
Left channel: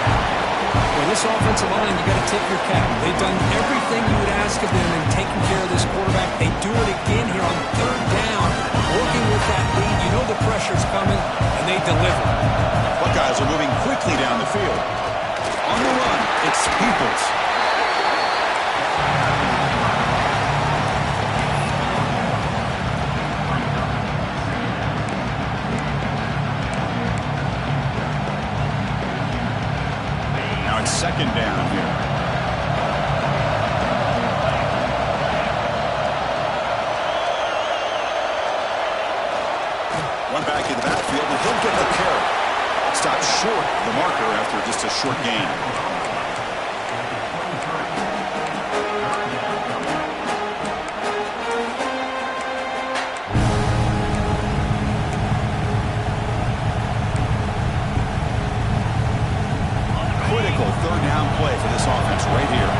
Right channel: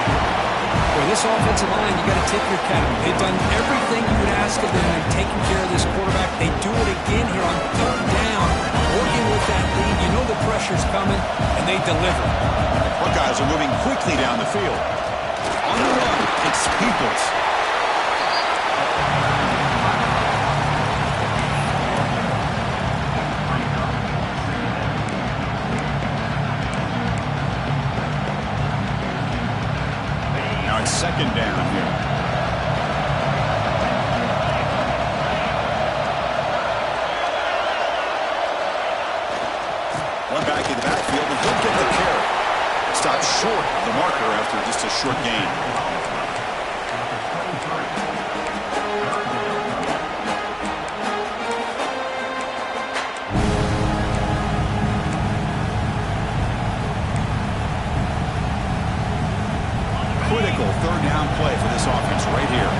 Boy, this offensive line, you got to tip your cap. They've done everything you would ask of them in taking care of this quarterback. They do it again here on 3rd down, working with that lead. You know the pressure's coming, and they deliver. Buckeyes are moving quickly down the field. On the run, it's Peoples. Second down here. One back in the backfield, and he'll get the carry. Stopped short of the marker after just a short gain. this offense right here.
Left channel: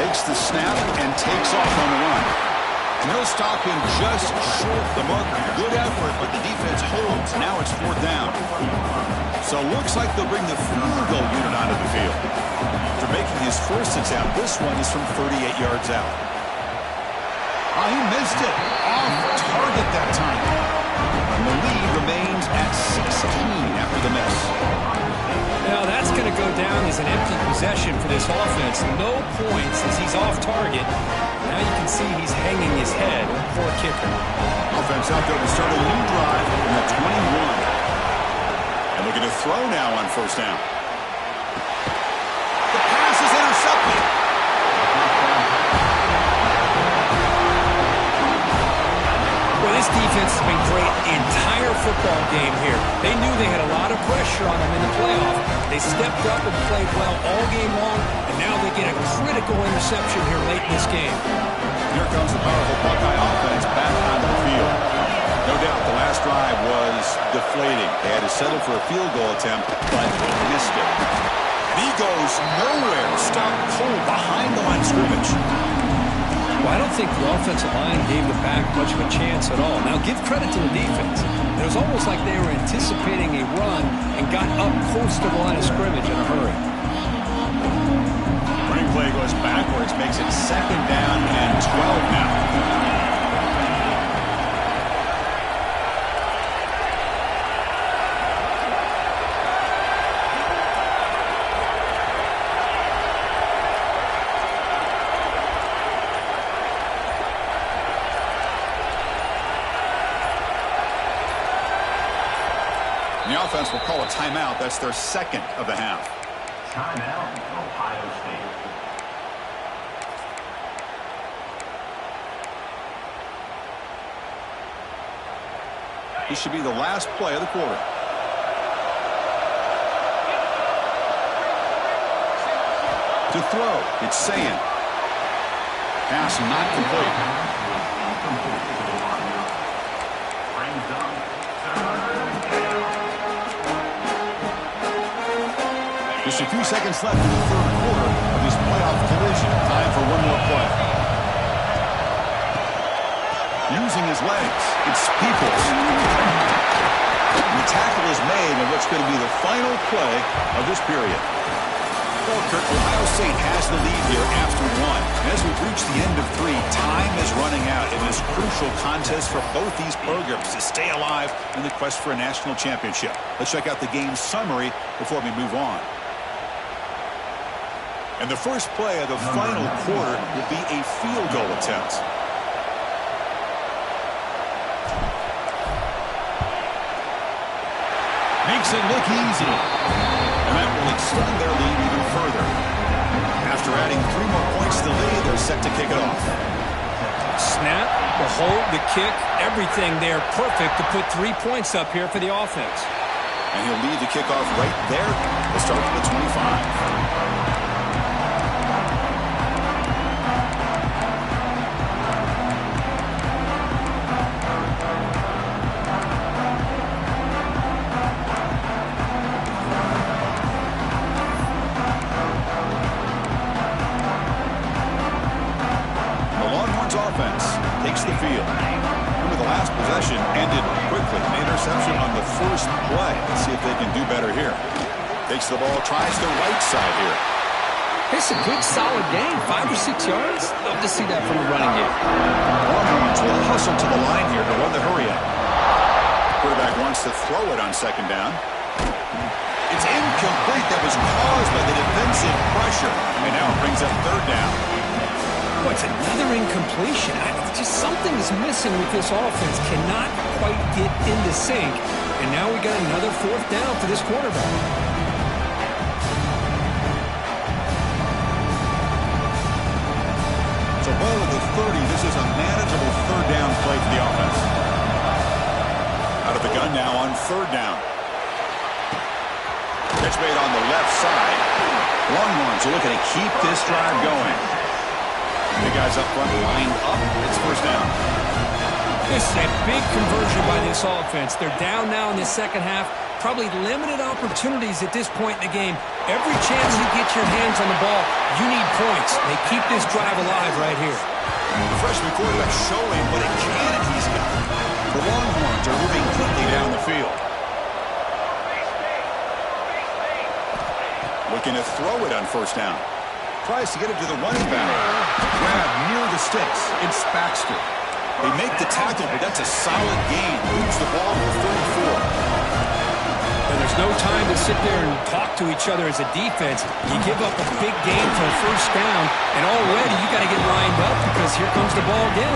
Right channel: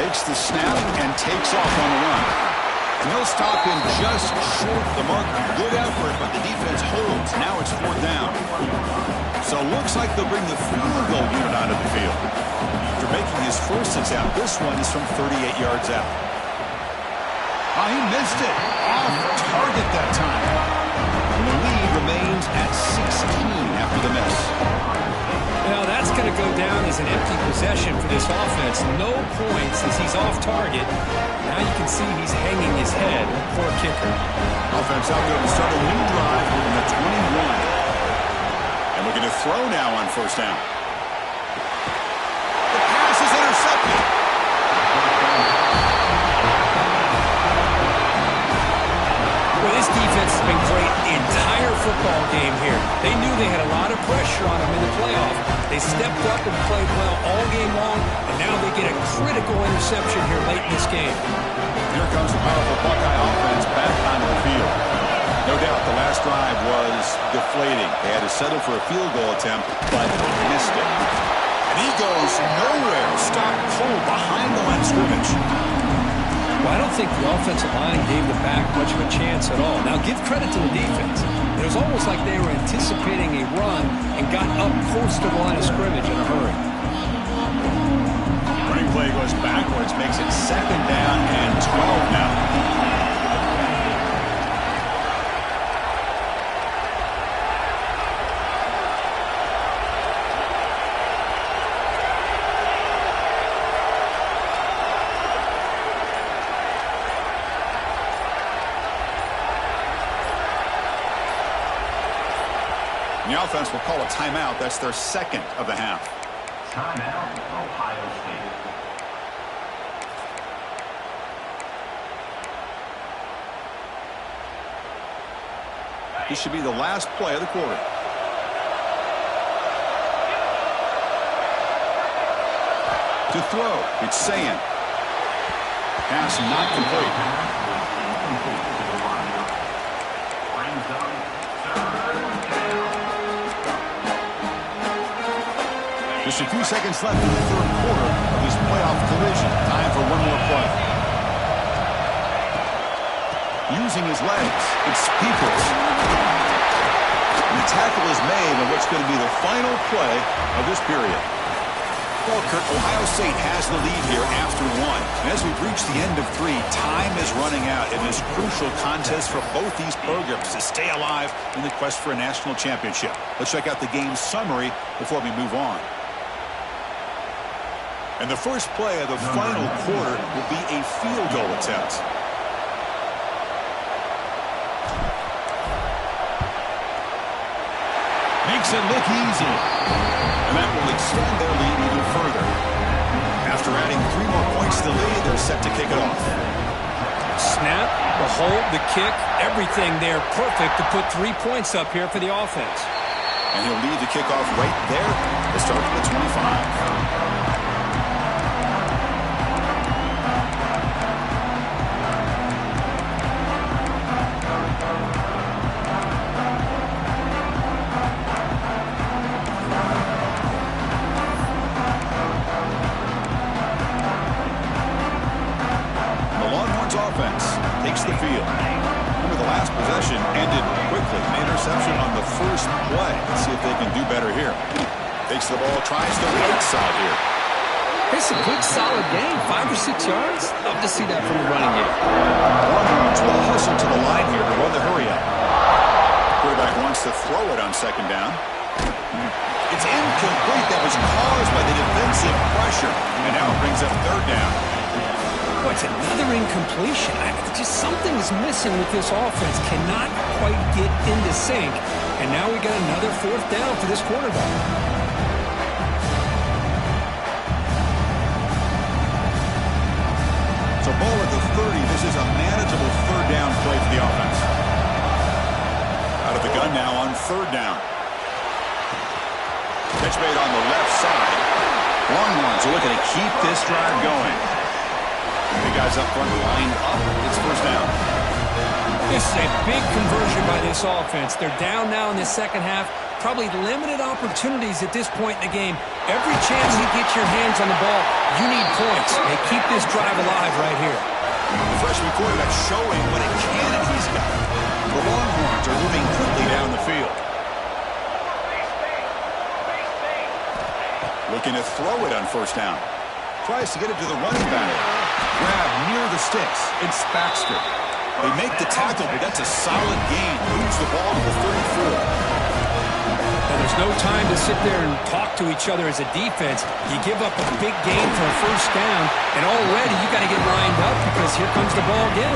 Takes the snap and takes off on the run. And they'll stop him just short of the marker. Good effort, but the defense holds. Now it's 4th down. So looks like they'll bring the field goal unit onto the field. After making his first attempt, this one is from 38 yards out. Oh, he missed it. Off target that time. And the lead remains at 16 after the miss. Now that's going to go down as an empty possession for this offense. No points as he's off target. Now you can see he's hanging his head. Poor kicker. Offense out there to start a new drive from the 21. And looking to throw now on 1st down. The pass is intercepted. Well, this defense has been great the entire football game here. They knew they had a lot of pressure on them in the playoff. They stepped up and played well all game long, and now they get a critical interception here late in this game. Here comes the powerful Buckeye offense back onto the field. No doubt the last drive was deflating. They had to settle for a field goal attempt, but missed it. And he goes nowhere. Stopped cold behind the line of scrimmage. Well, I don't think the offensive line gave the back much of a chance at all. Now, give credit to the defense. It was almost like they were anticipating a run and got up close to the line of scrimmage in a hurry. Running play goes backwards, makes it 2nd down and 12 now. The offense will call a timeout. That's their 2nd of the half. Timeout, Ohio State. This should be the last play of the quarter. To throw, it's Sayin. Pass not complete. Brings up 3rd down. Just a few seconds left in the 3rd quarter of this playoff collision. Time for one more play. Using his legs, it's Peoples. And the tackle is made on what's going to be the final play of this period. Well, Kurt, Ohio State has the lead here after 1. And as we've reached the end of 3, time is running out in this crucial contest for both these programs to stay alive in the quest for a national championship. Let's check out the game summary before we move on. And the first play of the final quarter will be a field goal attempt. Makes it look easy. And that will extend their lead even further. After adding 3 more points to the lead, they're set to kick it off. Snap, the hold, the kick, everything there perfect to put 3 points up here for the offense. And he'll lead the kickoff right there. They'll start from the 25. Offense takes the field. Remember, the last possession ended quickly. An interception on the first play. Let's see if they can do better here. Takes the ball, tries the right side here. It's a good, solid game. 5 or 6 yards. Love to see that from the running game. Longhorns will hustle to the line here to run the hurry up. Quarterback wants to throw it on 2nd down. It's incomplete. That was caused by the defensive pressure. And now it brings up 3rd down. Boy, it's another incompletion. Just something is missing with this offense. Cannot quite get into sync. And now we got another 4th down for this quarterback. So ball at the 30. This is a manageable 3rd down play for the offense. Out of the gun now on 3rd down. Catch made on the left side. Longhorns are looking to keep this drive going. The guys up front lined up. It's 1st down. This is a big conversion by this offense. They're down now in the 2nd half. probably limited opportunities at this point in the game. Every chance you get your hands on the ball, you need points. They keep this drive alive right here. The freshman quarterback showing what a cannon he's got. The Longhorns are moving quickly down the field. Looking to throw it on first down. Tries to get it to the running back. Grab near the sticks. It's Baxter. They make the tackle, but that's a solid gain. Moves the ball to the 34. And there's no time to sit there and talk to each other as a defense. You give up a big gain for a first down, and already you got to get lined up because here comes the ball again.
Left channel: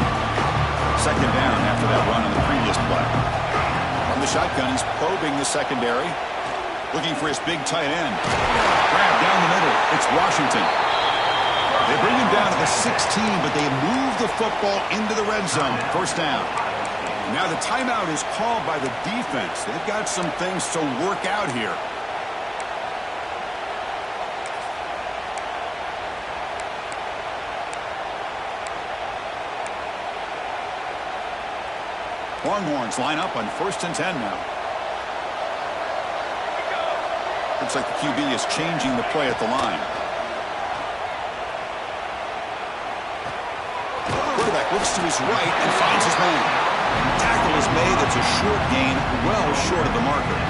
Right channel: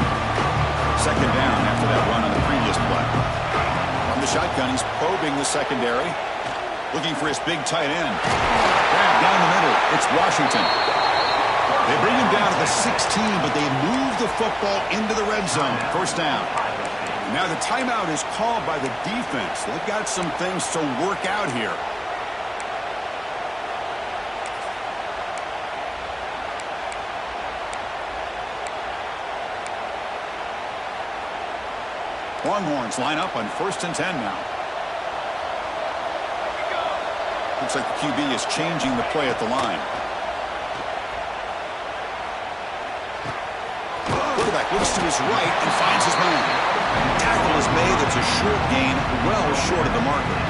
Second down after that run on the previous play. From the shotgun, he's probing the secondary. Looking for his big tight end. Grab down the middle. It's Washington. They bring him down to the 16, but they move the football into the red zone. First down. And now the timeout is called by the defense. They've got some things to work out here. Longhorns line up on 1st and 10 now. Looks like the QB is changing the play at the line. Quarterback looks to his right and finds his man. Tackle is made. It's a short gain, well short of the marker.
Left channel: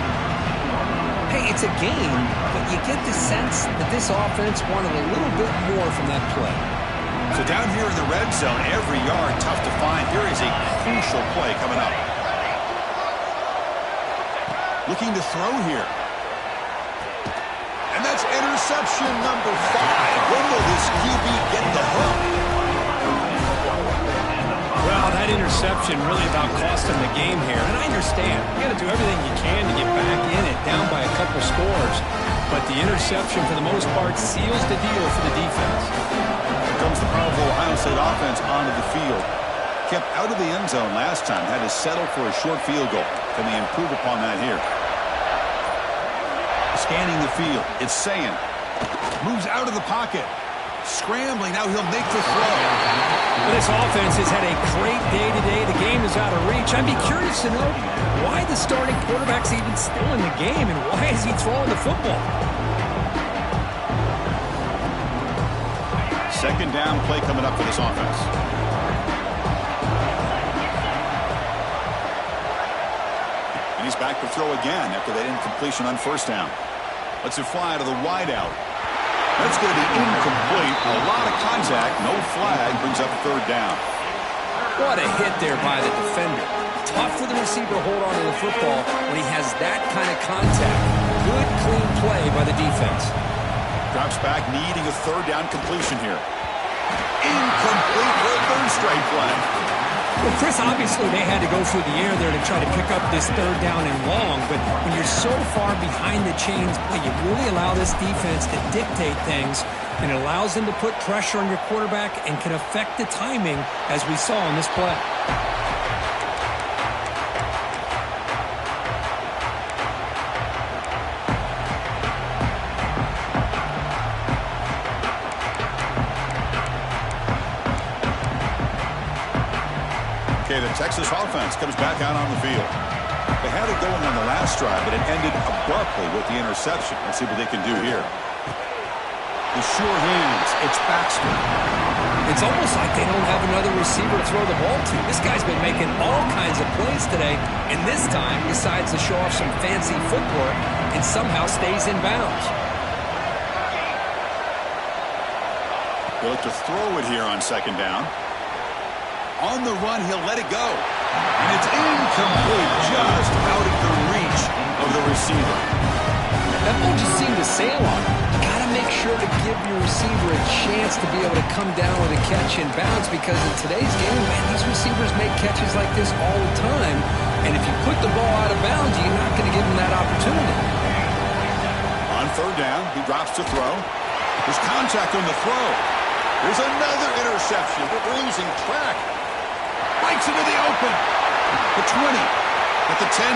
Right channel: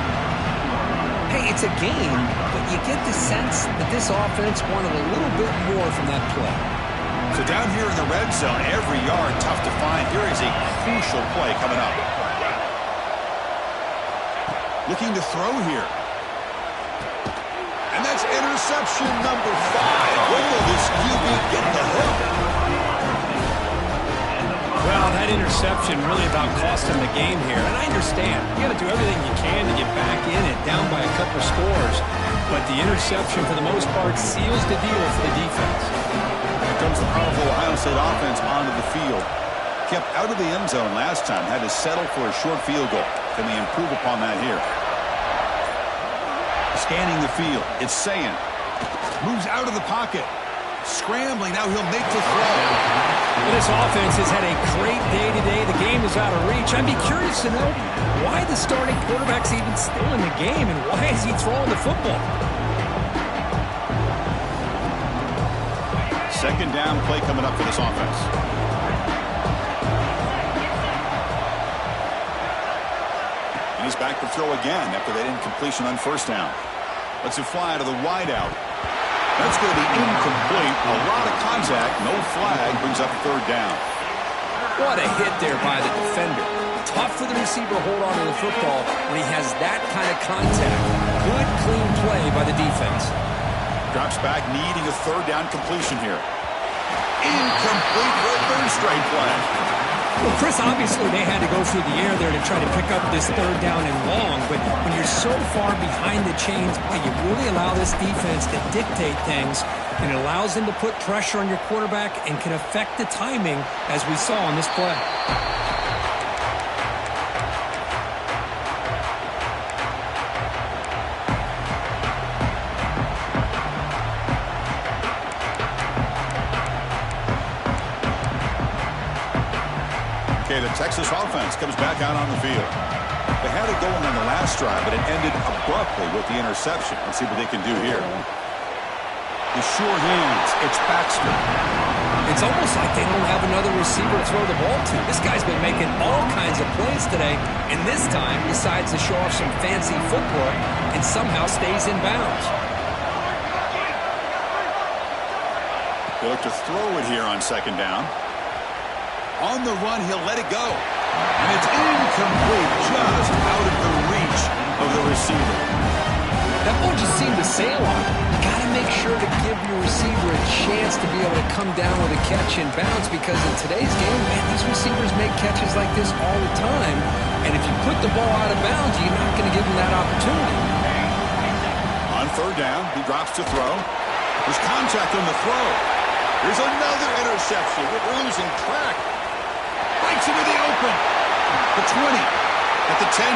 Hey, it's a game, but you get the sense that this offense wanted a little bit more from that play. So down here in the red zone, every yard tough to find. Here is a crucial play coming up. Looking to throw here. And that's interception number 5. When will this QB get the hook? Well, that interception really about cost him the game here. And I understand. You got to do everything you can to get back in it, down by a couple scores. But the interception, for the most part, seals the deal for the defense. Here comes the powerful Ohio State offense onto the field. Kept out of the end zone last time. Had to settle for a short field goal. Can they improve upon that here? Scanning the field. It's Sayin. Moves out of the pocket. Scrambling. Now he'll make the throw. Well, this offense has had a great day today. The game is out of reach. I'd be curious to know why the starting quarterback's even still in the game and why is he throwing the football? Second down play coming up for this offense. And he's back to throw again after that incompletion on first down. Lets it fly to the wideout. That's going to be incomplete. A lot of contact. No flag. Brings up third down. What a hit there by the defender. Tough for the receiver to hold on to the football when he has that kind of contact. Good, clean play by the defense. Drops back, needing a third down completion here. Incomplete for a third straight play. Well, Chris, obviously they had to go through the air there to try to pick up this third down and long, but when you're so far behind the chains, boy, you really allow this defense to dictate things, and it allows them to put pressure on your quarterback and can affect the timing, as we saw on this play. Okay, the Texas offense comes back out on the field. They had it going on the last drive, but it ended abruptly with the interception. Let's see what they can do here. The sure hands. It's Baxter. It's almost like they don't have another receiver to throw the ball to. This guy's been making all kinds of plays today, and this time decides to show off some fancy footwork and somehow stays in bounds. They look to throw it here on second down. On the run, he'll let it go. And it's incomplete, just out of the reach of the receiver. That ball just seemed to sail on him. You got to make sure to give your receiver a chance to be able to come down with a catch and bounce, because in today's game, man, these receivers make catches like this all the time. And if you put the ball out of bounds, you're not going to give them that opportunity. On third down, he drops to throw. There's contact on the throw. There's another interception. We're losing track. Breaks into the open. The 20. At the 10.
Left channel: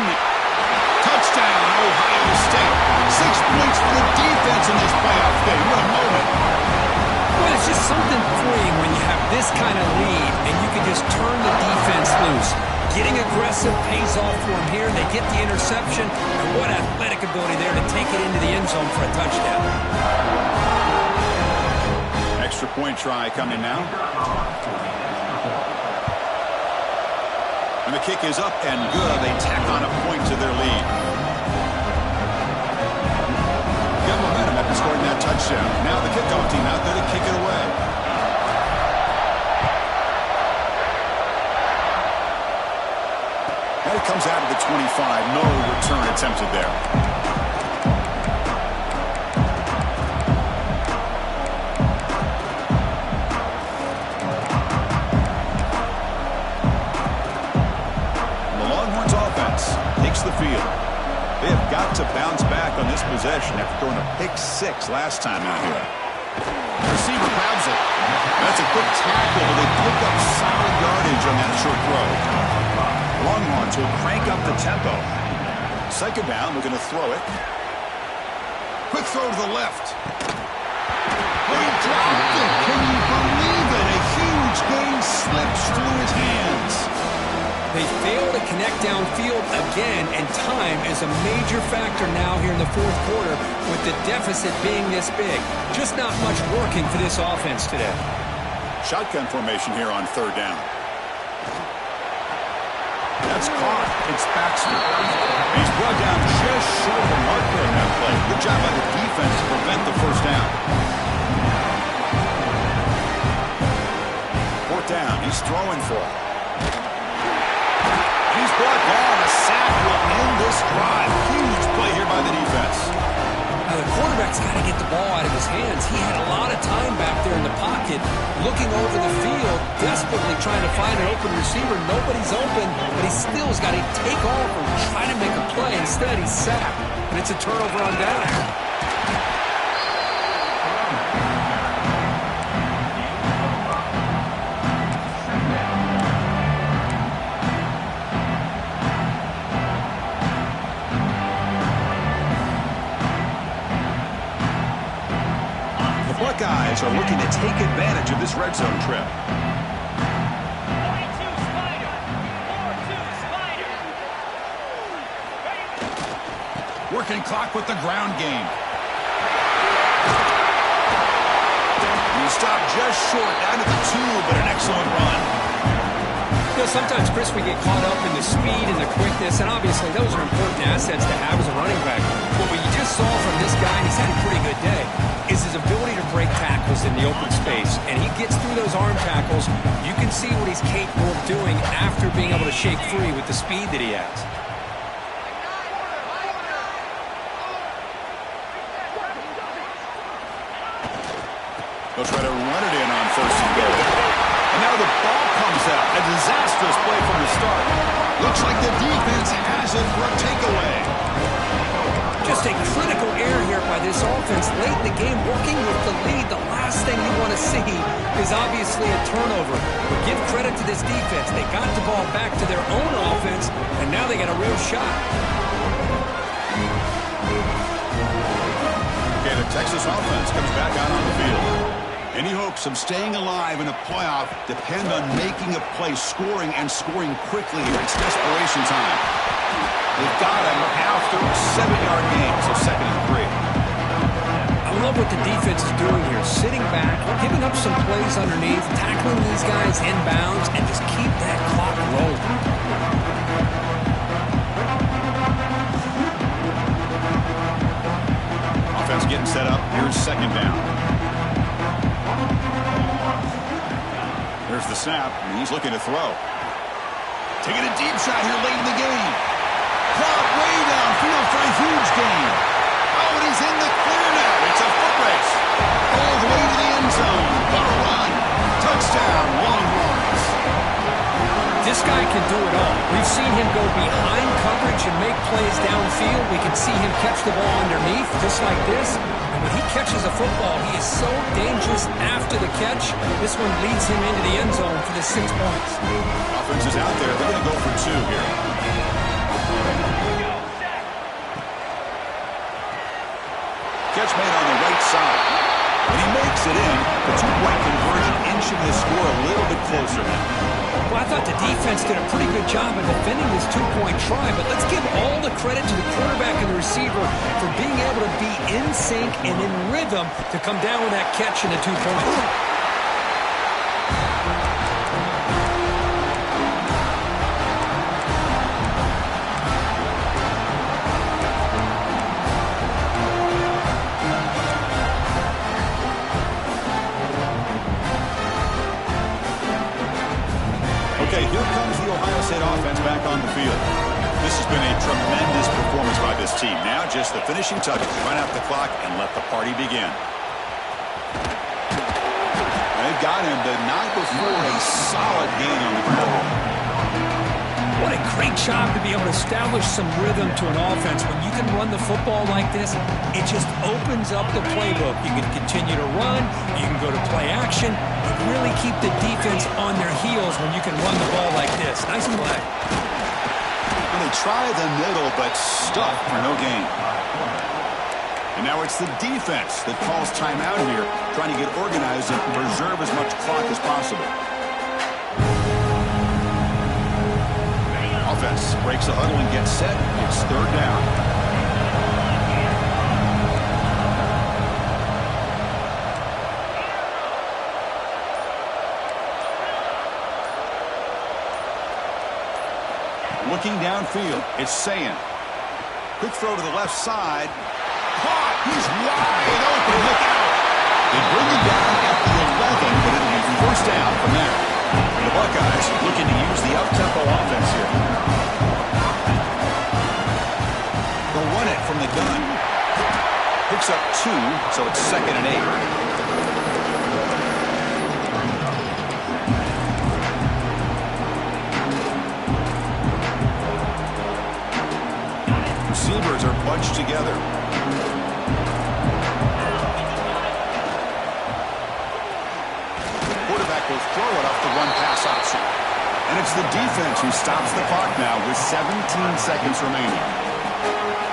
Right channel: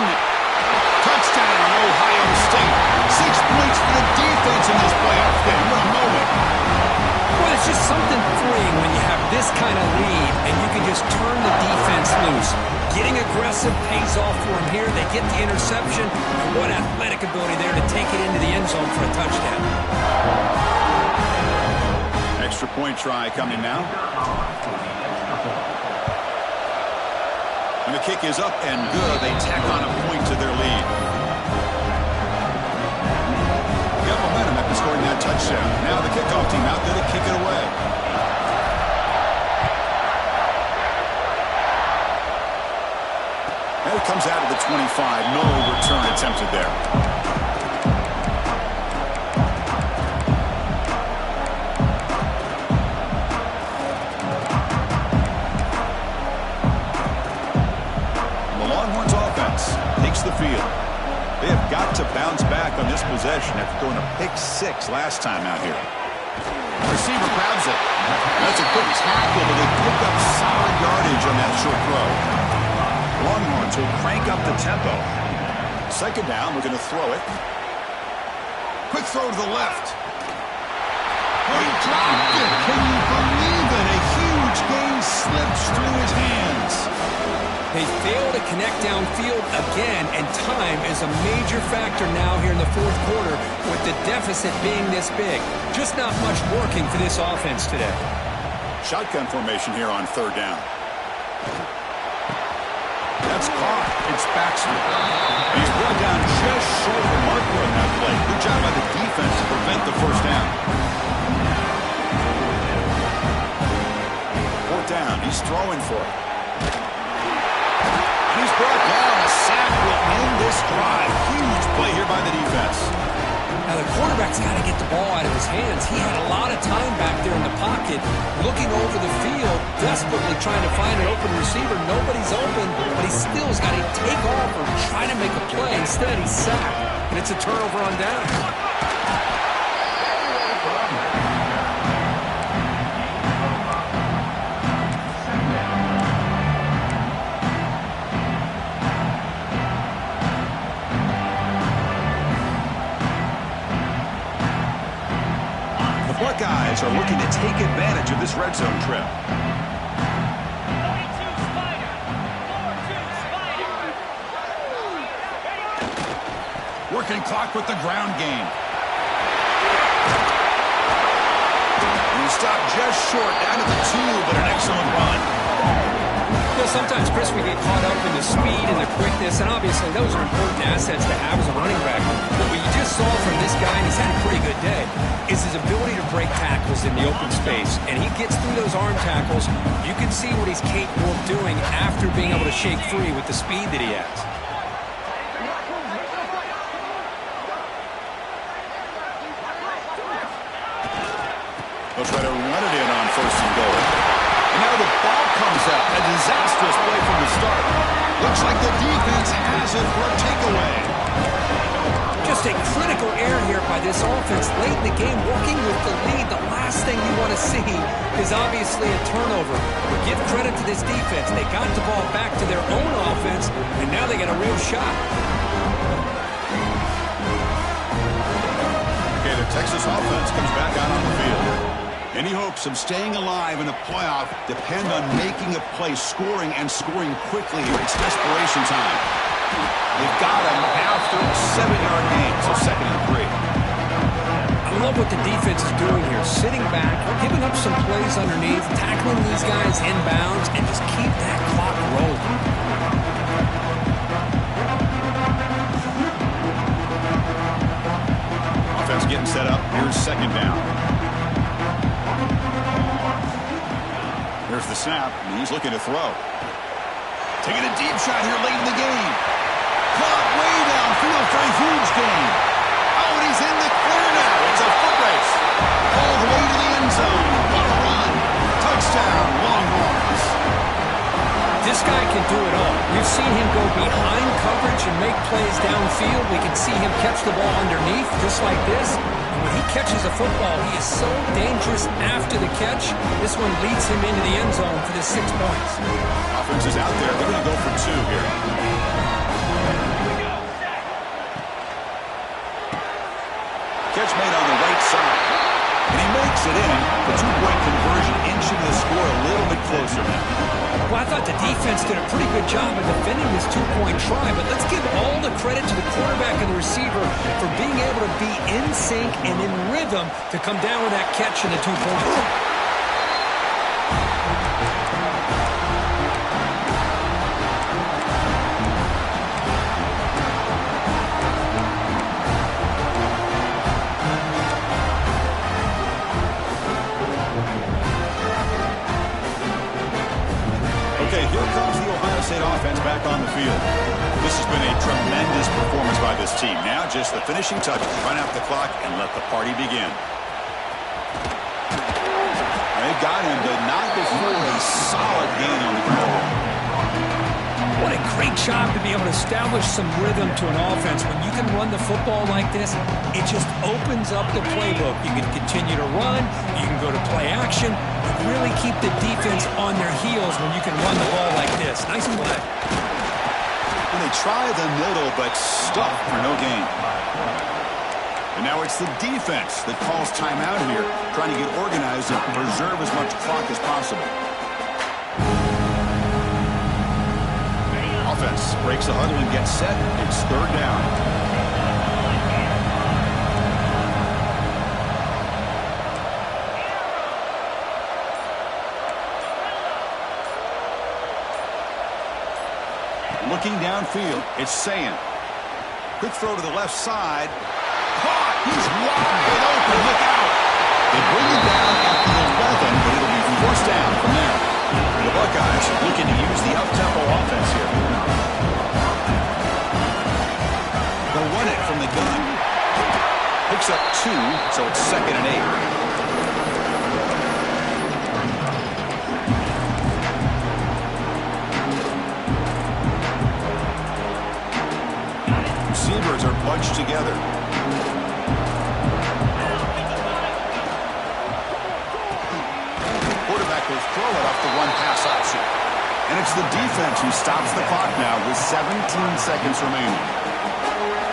Touchdown, Ohio State. 6 points for the defense in this playoff game. What a moment. Well, it's just something freeing when you have this kind of lead and you can just turn the defense loose. Getting aggressive pays off for him here. They get the interception, and what athletic ability there to take it into the end zone for a touchdown. Extra point try coming now. And the kick is up and good. They tack on a point to their lead. Got momentum after scoring that touchdown. Now the kickoff team out there to kick it away. And it comes out of the 25. No return attempted there. The Longhorns offense takes the field. They have got to bounce back on this possession after throwing a pick-6 last time out here. Receiver grabs it. That's a quick tackle, but they pick up solid yardage on that short throw. Longhorns will crank up the tempo. Second down, we're going to throw it. Quick throw to the left. Oh, he dropped it. Can you believe it? A huge gain slips through his hands. They fail to connect downfield again, and time is a major factor now here in the fourth quarter with the deficit being this big. Just not much working for this offense today. Shotgun formation here on third down. That's caught. It's Baxter. He's brought down just short of a marker on that play. Good job by the defense to prevent the first down. Fourth down. He's throwing for it. And he's brought down. A sack will end this drive. Huge play here by the defense. Now the quarterback's got to get the ball out of his hands. He had a lot of time back there in the pocket, looking over the field, desperately trying to find an open receiver. Nobody's open, but he still has got to take off or try to make a play. Instead, he's sacked, and it's a turnover on down. Buckeyes are looking to take advantage of this red zone trip. 42 Spider. 4-2 Spider. Ready? Working clock with the ground game. He stopped just short, down to the 2, but an excellent run. You know, sometimes, Chris, we get caught up in the speed and the quickness, and obviously those are important assets to have as a running back. But what you just saw from this guy, and he's had a pretty good day, is his ability to break tackles in the open space. And he gets through those arm tackles. You can see what he's capable of doing after being able to shake free with the speed that he has. They'll try to run it in on first and goal. And now the ball comes out. A disastrous play from the start. Looks like the defense has it for a takeaway. Just a critical error here by this offense late in the game, working with the lead. The last thing you want to see is obviously a turnover. But give credit to this defense. They got the ball back to their own offense, and now they got a real shot. Okay, the Texas offense comes back out on the field. Any hopes of staying alive in a playoff depend on making a play, scoring, and scoring quickly here. It's desperation time. They've got him after a 7-yard gain, so 2nd and 3. I love what the defense is doing here. Sitting back, giving up some plays underneath, tackling these guys inbounds, and just keep that clock rolling. Offense getting set up. Here's 2nd down. Here's the snap, and he's looking to throw. Taking a deep shot here late in the game. Caught way downfield for a huge gain. Oh, and he's in the clear now. It's a foot race. All the way to the end zone. What a run. Touchdown, Longhorns. This guy can do it all. We've seen him go behind coverage and make plays downfield. We can see him catch the ball underneath, just like this. And when he catches a football, he is so dangerous after the catch. This one leads him into the end zone for the 6 points. Offense is out there. They're going to go for 2 here. Catch made on the right side. And he makes it in. The 2-point conversion inching the score a little bit closer now. Well, I thought the defense did a pretty good job of defending this two-point try, but let's give all the credit to the quarterback and the receiver for being able to be in sync and in rhythm to come down with that catch in the 2 points. Okay, here comes the Ohio State offense back on the field. This has been a tremendous performance by this team. Now just the finishing touches. Run out the clock and let the party begin. They've got him, but not before a solid gain on the ground. What a great job to be able to establish some rhythm to an offense. When you can run the football like this, it just opens up the playbook. You can continue to run. You can go to play action. You really keep the defense on their heels when you can run the ball like this. Nice play. And they try the middle, but stuff for no gain. And now it's the defense that calls timeout here, trying to get organized and preserve as much clock as possible. Offense breaks the huddle and gets set. It's third down. Looking downfield, it's Sayin. Quick throw to the left side. Caught! He's wide open. Look out! They bring it down at the 11, but it'll be first down from there. And the Buckeyes looking to use the up-tempo offense here. They'll run it from the gun. Picks up 2, so it's 2nd and 8. Receivers are bunched together. Quarterback will throw it off the run-pass option. And it's the defense who stops the clock now with 17 seconds remaining.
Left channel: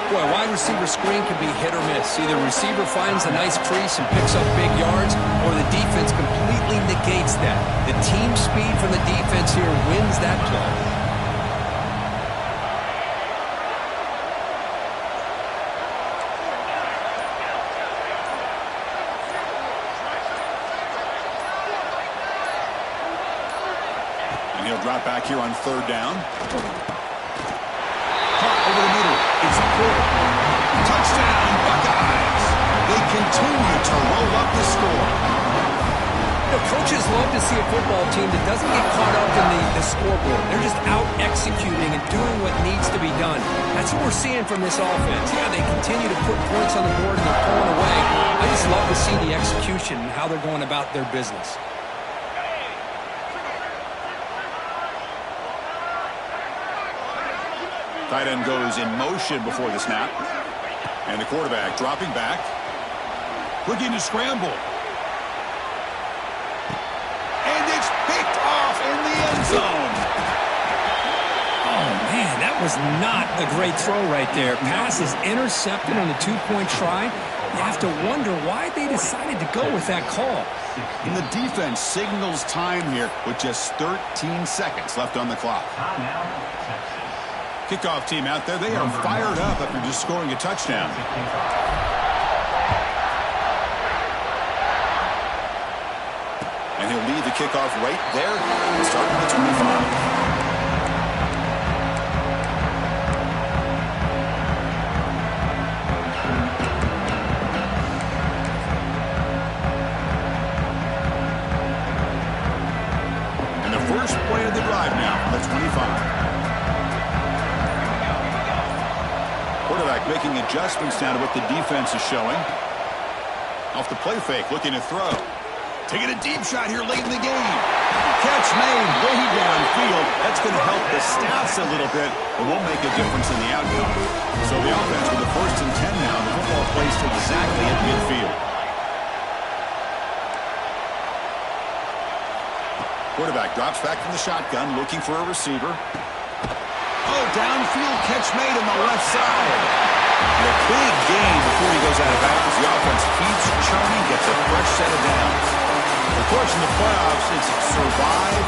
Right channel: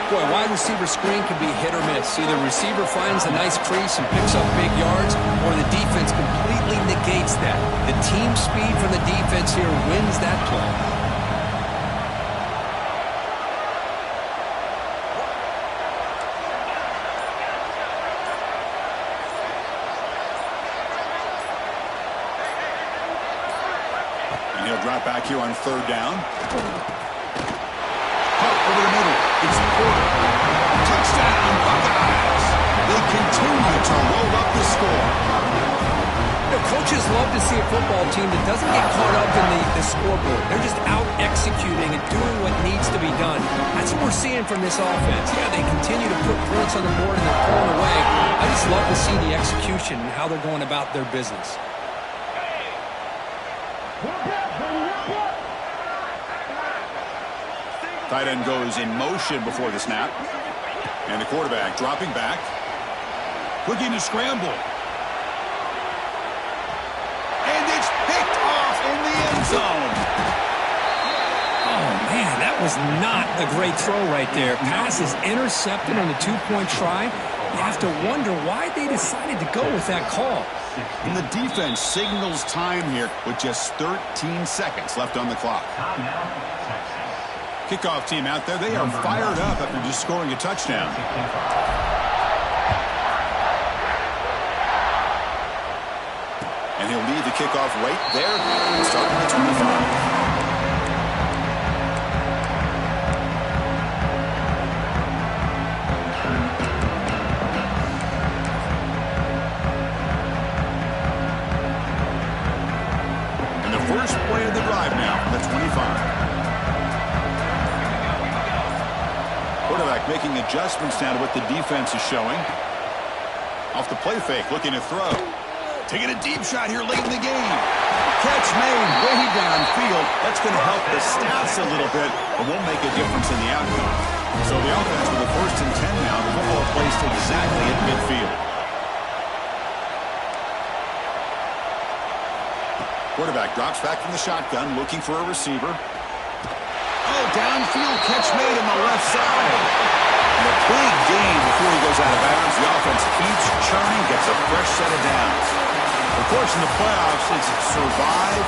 Boy, wide receiver screen can be hit or miss. Either receiver finds a nice crease and picks up big yards, or the defense completely negates that. The team speed from the defense here wins that play. And he'll drop back here on third down. Caught over the middle. It's Porter. Touchdown, Buckeyes. They continue to roll up the score. You know, coaches love to see a football team that doesn't get caught up in the scoreboard. They're just out executing and doing what needs to be done. That's what we're seeing from this offense. Yeah, they continue to put points on the board and they're pulling away. I just love to see the execution and how they're going about their business. Tight end goes in motion before the snap. And the quarterback dropping back. Looking to scramble. And it's picked off in the end zone. Oh, man, that was not a great throw right there. Pass is intercepted on the two-point try. You have to wonder why they decided to go with that call. And the defense signals time here with just 13 seconds left on the clock. Kickoff team out there, they are fired up after just scoring a touchdown. And he'll lead the kickoff right there, starting at the 25. And the first play of the drive now, the 25. Quarterback making adjustments now to what the defense is showing. Off the play fake, looking to throw. Taking a deep shot here late in the game. Catch made way downfield. That's going to help the stats a little bit, but won't make a difference in the outcome. So the offense with a 1st and 10 now. The football placed exactly at midfield. Quarterback drops back from the shotgun, looking for a receiver. Oh, downfield catch made on the left side. And a big gain before he goes out of bounds. The offense keeps churning, gets a fresh set of downs. Of course, in the playoffs, it's survive